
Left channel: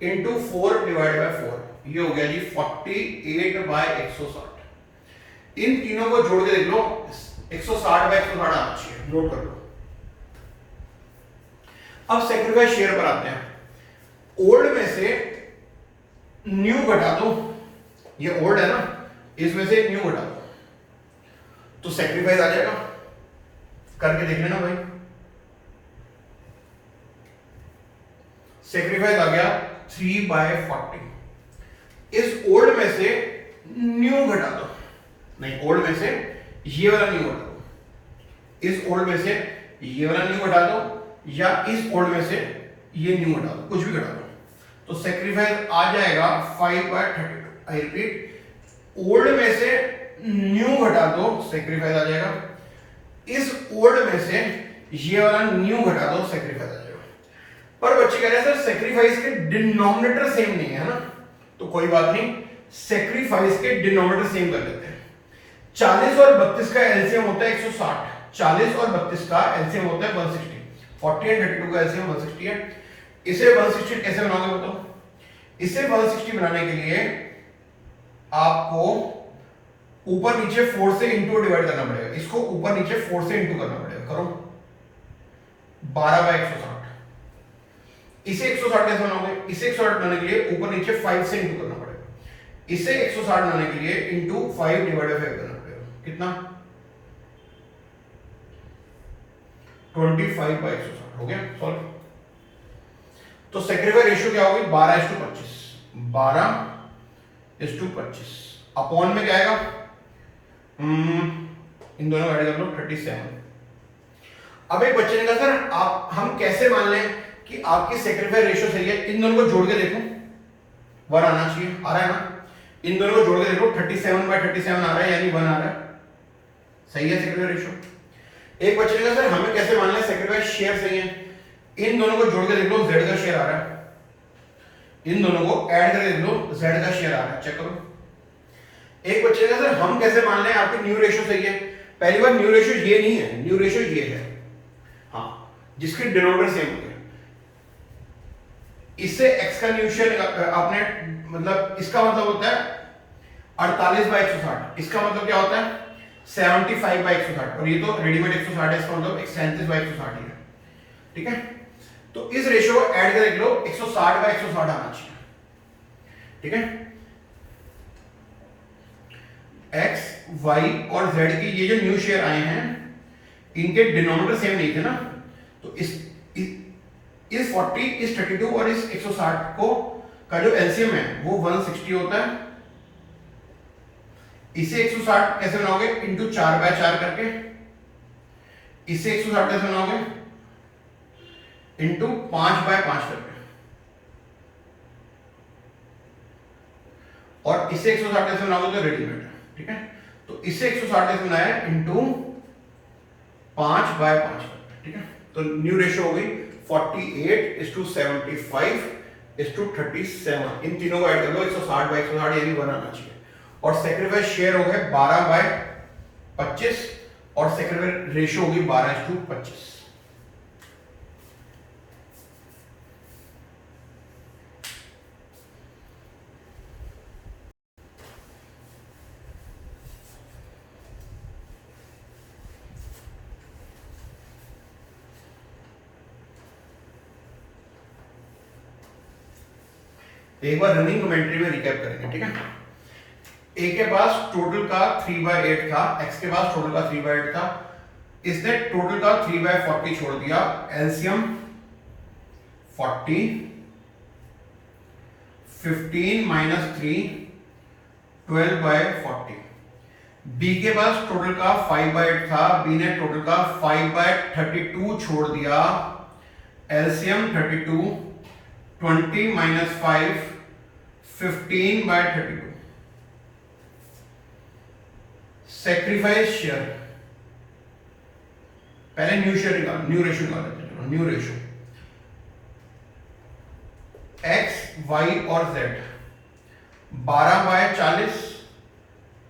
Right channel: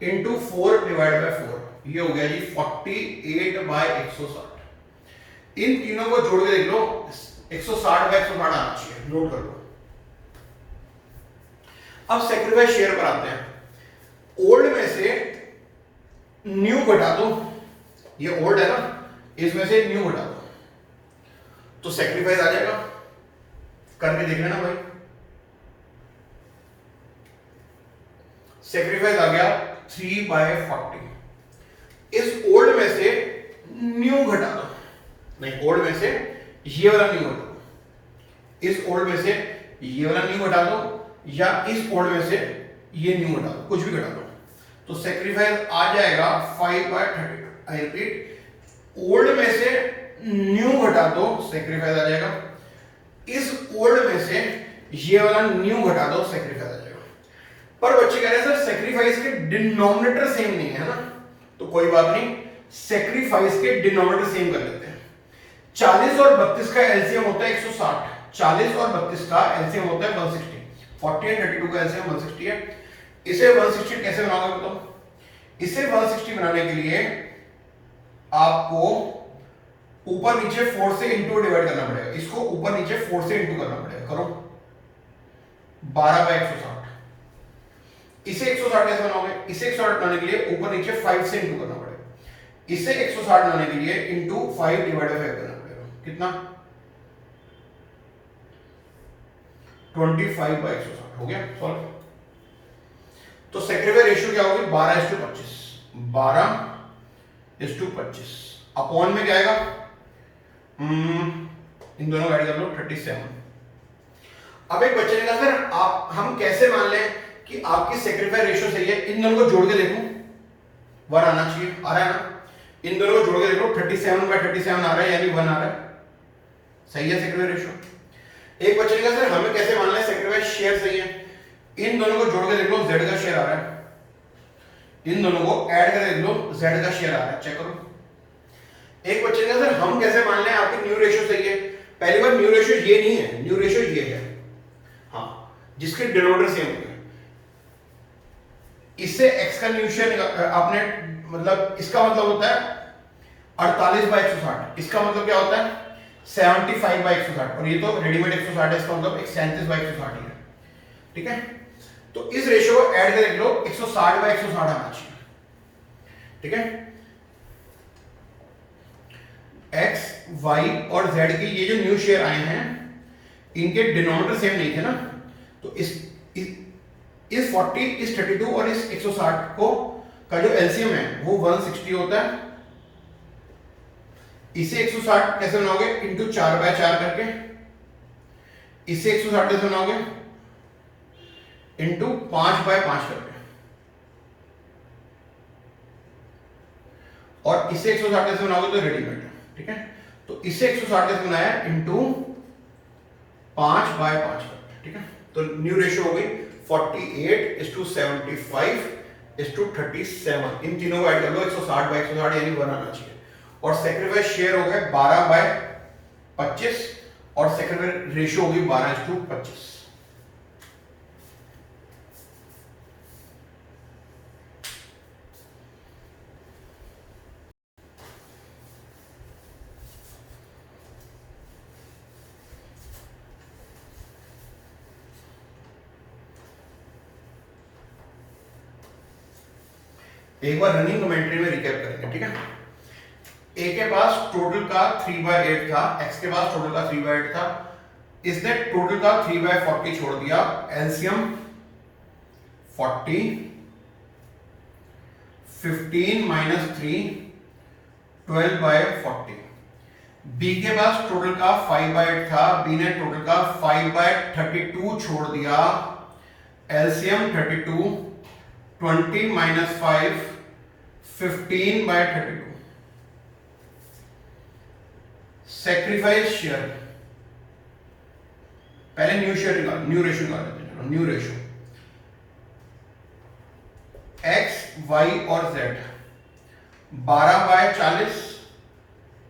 इंटू 4/4, ये हो गया जी 48/160। इन तीनों को जोड़ के देख लो, 160/160 आना चाहिए, नोट कर लो। अब सेक्रीफाइस शेयर पर आते हैं। ओल्ड में से न्यू घटा दो, ये ओल्ड है ना, इसमें से न्यू घटा दो तो सेक्रीफाइस आ जाएगा, करके देख लेना भाई। सेक्रीफाइस आ गया 3/40, इस ओल्ड में से न्यू घटा दो, नहीं ओल्ड में से ये वाला न्यू घटा दो, इस ओल्ड में से ये वाला न्यू घटा दो, या इस ओल्ड में से ये न्यू घटा दो, कुछ भी घटा दो, तो सेक्रीफाइस आ जाएगा 5/32। आई रिपीट, ओल्ड में से न्यू घटा दो, सेक्रीफाइस आ जाएगा, इस ओल्ड में से ये वाला न्यू घटा दो, सेक्रीफाइस आ जाएगा। पर बच्चे कह रहे हैं सर सेक्रीफाइस के डिनोमिनेटर सेम नहीं है ना, तो कोई बात नहीं, सेक्रीफाइस के डिनोमिनेटर सेम कर लेते हैं। 40 और 32 का एलसीएम होता है 160, 40 और 32 का एलसीएम होता है 160, 40 और 32 का एलसीएम 160 है। इसे 160 कैसे बनाओगे बताओ? इसे 160 बनाने के लिए आपको ऊपर नीचे 4 से इंटू डिवाइड करना पड़ेगा, इसको ऊपर नीचे 4 से इंटू करना पड़ेगा, करो 12/160। इसे 160 कैसे बनाओगे? इसे 160 बनाने के लिए ऊपर नीचे 5 से इंटू करना पड़ेगा, इसे 160 बनाने के लिए इंटू 5 डिवाइड बाय 5 करना पड़ेगा, कितना 25/160 हो गया सॉल्व। तो सेक्रीफाइस रेशियो क्या होगी? 12:25, 12:25 अपॉन में क्या आएगा? इन दोनों ऐड कर लो 37। अब एक बच्चे ने कहा सर आप हम कैसे मान लें कि आपकी सेक्रीफाइस रेशियो सही है? इन दोनों को जोड़ के देखो, 1 आना चाहिए, आ रहा है ना? इन दोनों को जोड़ के देखो, 37/37 आ रहा है, यानी 1 आ रहा है, सही है सेक्रीफाइस रेशियो। एक बच्चे ने कहा सर हमें कैसे मान लें सेक्रीफाइस शेयर सही है? इन दोनों को जोड़ के देख लो, z का शेयर आ रहा है, इन दोनों को ऐड करके देख लो, z का शेयर आ रहा है, चेक करो। एक बच्चे ने कहा सर हम कैसे मान लें आपकी न्यू रेशियो सही है? पहली बार न्यू रेशियो ये नहीं है, न्यू रेशियो ये है, हाँ, जिसके डिनोमिनेटर सेम होते हैं। इससे x का न्यू शेयर आपने मतलब इसका मतलब होता है 48/160, इसका मतलब क्या होता है 75/160, और ये तो रेडीमेड 160 है, इसका मतलब 37/160 है, ठीक है। तो इस रेशियो को ऐड करके देख लो, 160/160 आना चाहिए, ठीक है। x, y और z की ये जो न्यू शेयर आए हैं इनके डिनोमिनेटर सेम नहीं थे ना, तो इस 40, इस 32 और इस 160 को का जो एलसीएम है वो 160 होता है। इसे 160 कैसे बनाओगे, इंटू 4/4 करके। इसे 160 कैसे बनाओगे, इंटू 5/5 करके। और इसे 160 कैसे बनाओगे, तो रेडीमेड है, ठीक है। तो इसे 160 कैसे बनाया, इंटू 5/5 करके, ठीक है। तो न्यू रेशियो हो गई 48:75:37। इन तीनों को ऐड कर लो, 160/160 यानी 1 आना चाहिए। और सेक्रीफाइस शेयर हो गए 12/25 और सेक्रीफाइस रेशियो होगी 12:25। एक बार रनिंग कमेंट्री में रिकैप करेंगे, ठीक है। ए के पास टोटल का 3/8 था, एक्स के पास टोटल का 3/8 था। इसने टोटल का 3/40 छोड़ दिया। एलसीएम 40, 15 - 3 12/40। बी के पास टोटल का 5/8 था, बी ने टोटल का 5/32 छोड़ दिया। एलसीएम 32, 20 - 5 15/32। सेक्रीफाइस शेयर, पहले न्यू शेयर निकालो, न्यू रेशियो निकाल लेते हैं। न्यू रेशियो एक्स, वाई और जेड 12/40,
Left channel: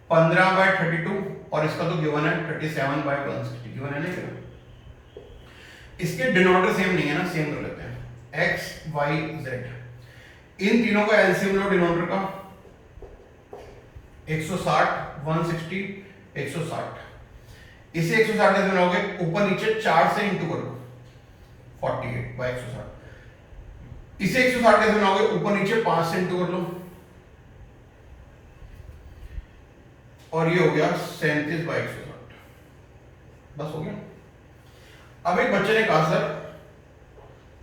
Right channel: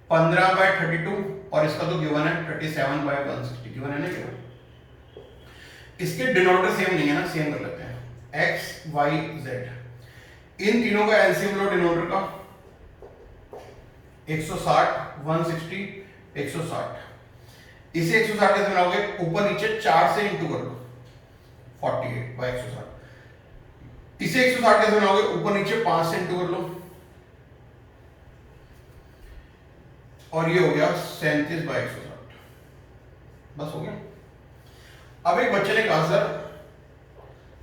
15/32 और इसका तो गिवन है 37/160 गिवन है ना गिवन। इसके डिनोमिनेटर सेम नहीं है ना, सेम कर लेते हैं। एक्स, वाई, जेड, इन तीनों का एलसीएम लो डिनोमिनेटर का 160, 160, 160। इसे 160 कैसे बनाओगे, ऊपर नीचे 4 से इंटू कर लो 48/160। इसे 160 कैसे बनाओगे, ऊपर नीचे 5 से इंटू कर लो और ये हो गया 37/160। बस हो गया। अब एक बच्चे ने कहा सर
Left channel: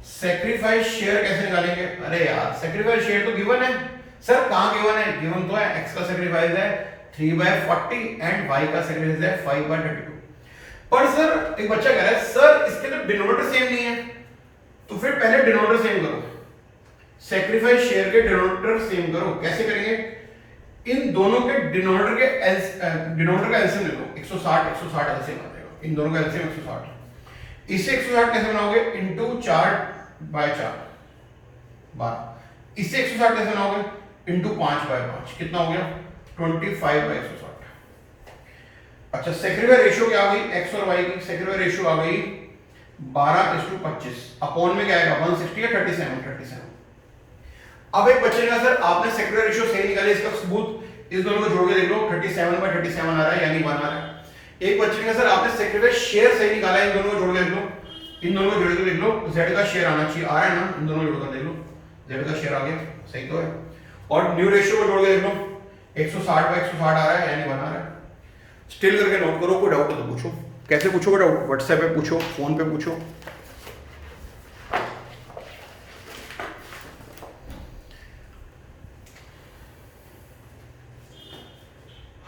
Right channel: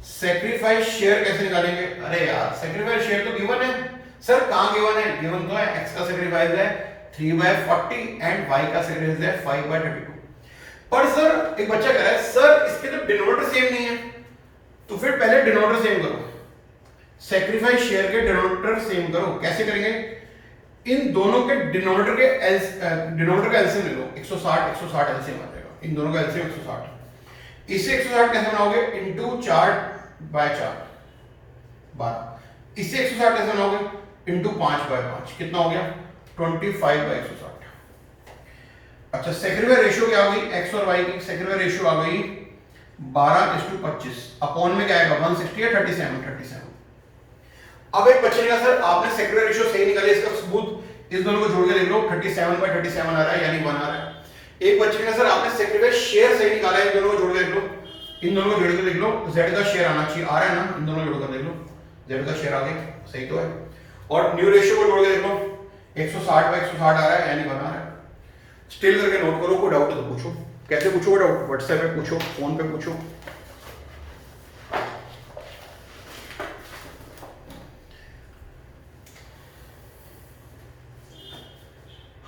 सेक्रीफाइस शेयर कैसे निकालेंगे। अरे यार सेक्रीफाइस शेयर तो गिवन है सर, कहां गिवन है, गिवन तो है एक्स का सेक्रीफाइस है 3/40 एंड वाई का सेक्रीफाइस है 5/32। पर सर एक बच्चा कह रहा है सर इसके तो डिनोमिनेटर सेम नहीं है, तो फिर पहले डिनोमिनेटर सेम करो, सेक्रीफाइस शेयर के डिनोमिनेटर सेम करो। कैसे करेंगे, इन दोनों के डिनोमिनेटर का एलसीएम ले लो, 160 160 एलसीएम आ जाएगा, इन दोनों का एलसीएम 160। इसे 160 कैसे बनाओगे, इंटू 4/4 12। इसे 160 कैसे बनाओगे, इंटू 5/5, कितना हो गया 25/160। अच्छा सेक्रीफाइस रेशियो क्या आ गई, एक्स और वाई की सेक्रीफाइस रेशियो आ गई 12:25। अपॉन में क्या आएगा 160 या 37। अब एक बच्चे ने कहा सर आपने सेक्रीफाइस रेशियो सही निकाले, इसका सबूत इस दोनों को जोड़ के देख लो 37/37 आ रहा है यानी 1 आ रहा है। एक बच्चे ने कहा सर आपने सेक्रीफाइस शेयर सही निकाला है, इन दोनों को जोड़ के देख लो, इन दोनों को जोड़ के देख लो, जेड का शेयर आना चाहिए, आ रहा है ना, इन दोनों को जोड़ कर देख लो, जेड का शेयर आ गया, सही तो है। और न्यू रेशियो को जोड़ के देख लो 160/160 आ रहा है यानी 1 आ रहा है। स्टिल करके नोट करो, कोई डाउट है तो पूछो। कैसे पूछो डाउट, व्हाट्सएप पे पूछो, फोन पे पूछो।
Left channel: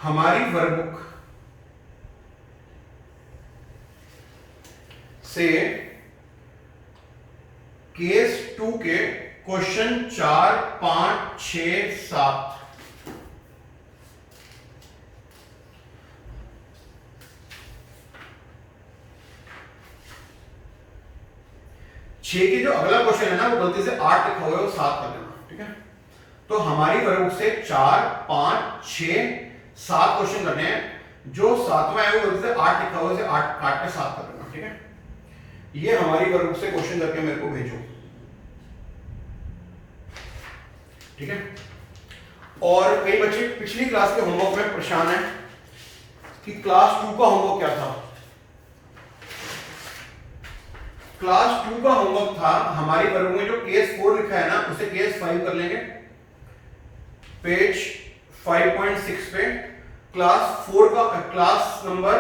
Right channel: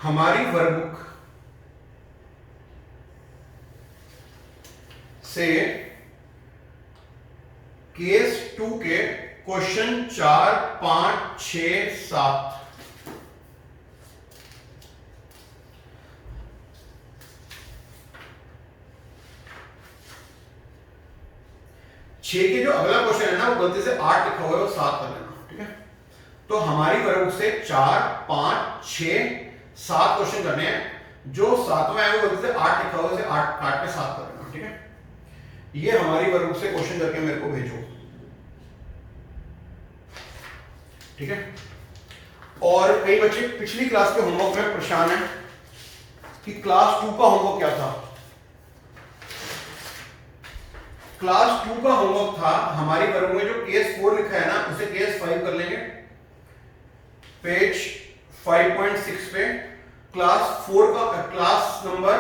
हमारी वर्कबुक से केस 2 के क्वेश्चन 4, 5, 6, 7 6 के जो अगला क्वेश्चन है ना वो गलती से 8 लिखा हुआ है, वो 7 कर देना, ठीक है। तो हमारी वर्कबुक से 4, 5, 6, 7 क्वेश्चन करने हैं, जो 7वां है वो गलती से 8 लिखा हुआ है, 8 पे 7 कर देना, ठीक है। ये हमारी वर्कबुक से क्वेश्चन करके मेरे को भेजो, ठीक है। और कई बच्चे पिछली क्लास के होमवर्क में परेशान है कि क्लास 2 का होमवर्क क्या था। क्लास 2 का होमवर्क था हमारी वर्कबुक में जो केस 4 लिखा है ना उसे केस 5 कर लेंगे, पेज 5.6 पे क्लास 4 का क्लास नंबर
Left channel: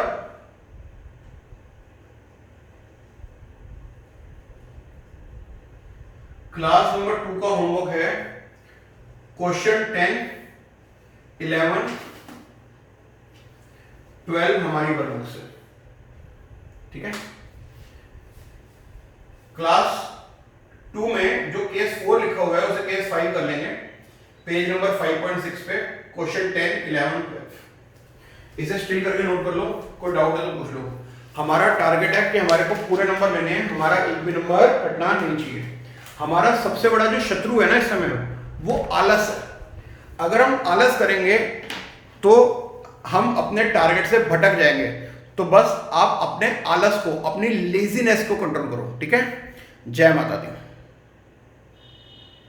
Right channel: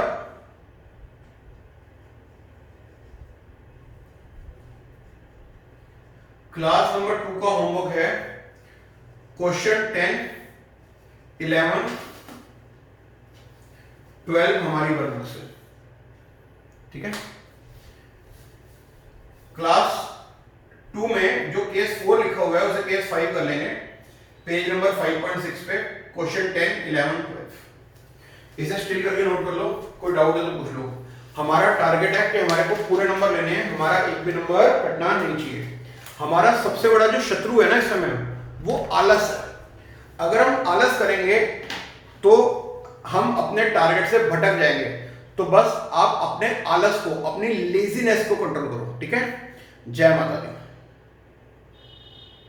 क्लास नंबर 2 का होमवर्क है क्वेश्चन 10, 11, 12 हमारी वर्कबुक से, ठीक है। क्लास 2 में जो केस 4 लिखा हुआ है उसे केस 5 कर लेंगे। पेज नंबर 5.6 पे क्वेश्चन 10, 11, 12 इसे स्टिल करके नोट कर लो, कोई डाउट है तो पूछ लो। हमारा टारगेट है कि हमारे को पूरे नंबर लेने हैं, हमारा एक भी नंबर कटना नहीं चाहिए। हमारा सबसे बड़ा जो शत्रु है ना इस समय वो आलस है। अगर हम आलस करेंगे तो हम अपने टारगेट से भटक जाएंगे। तो बस आप अपने आलस को, अपनी लेजीनेस को कंट्रोल करो, ठीक है। जय माता दी।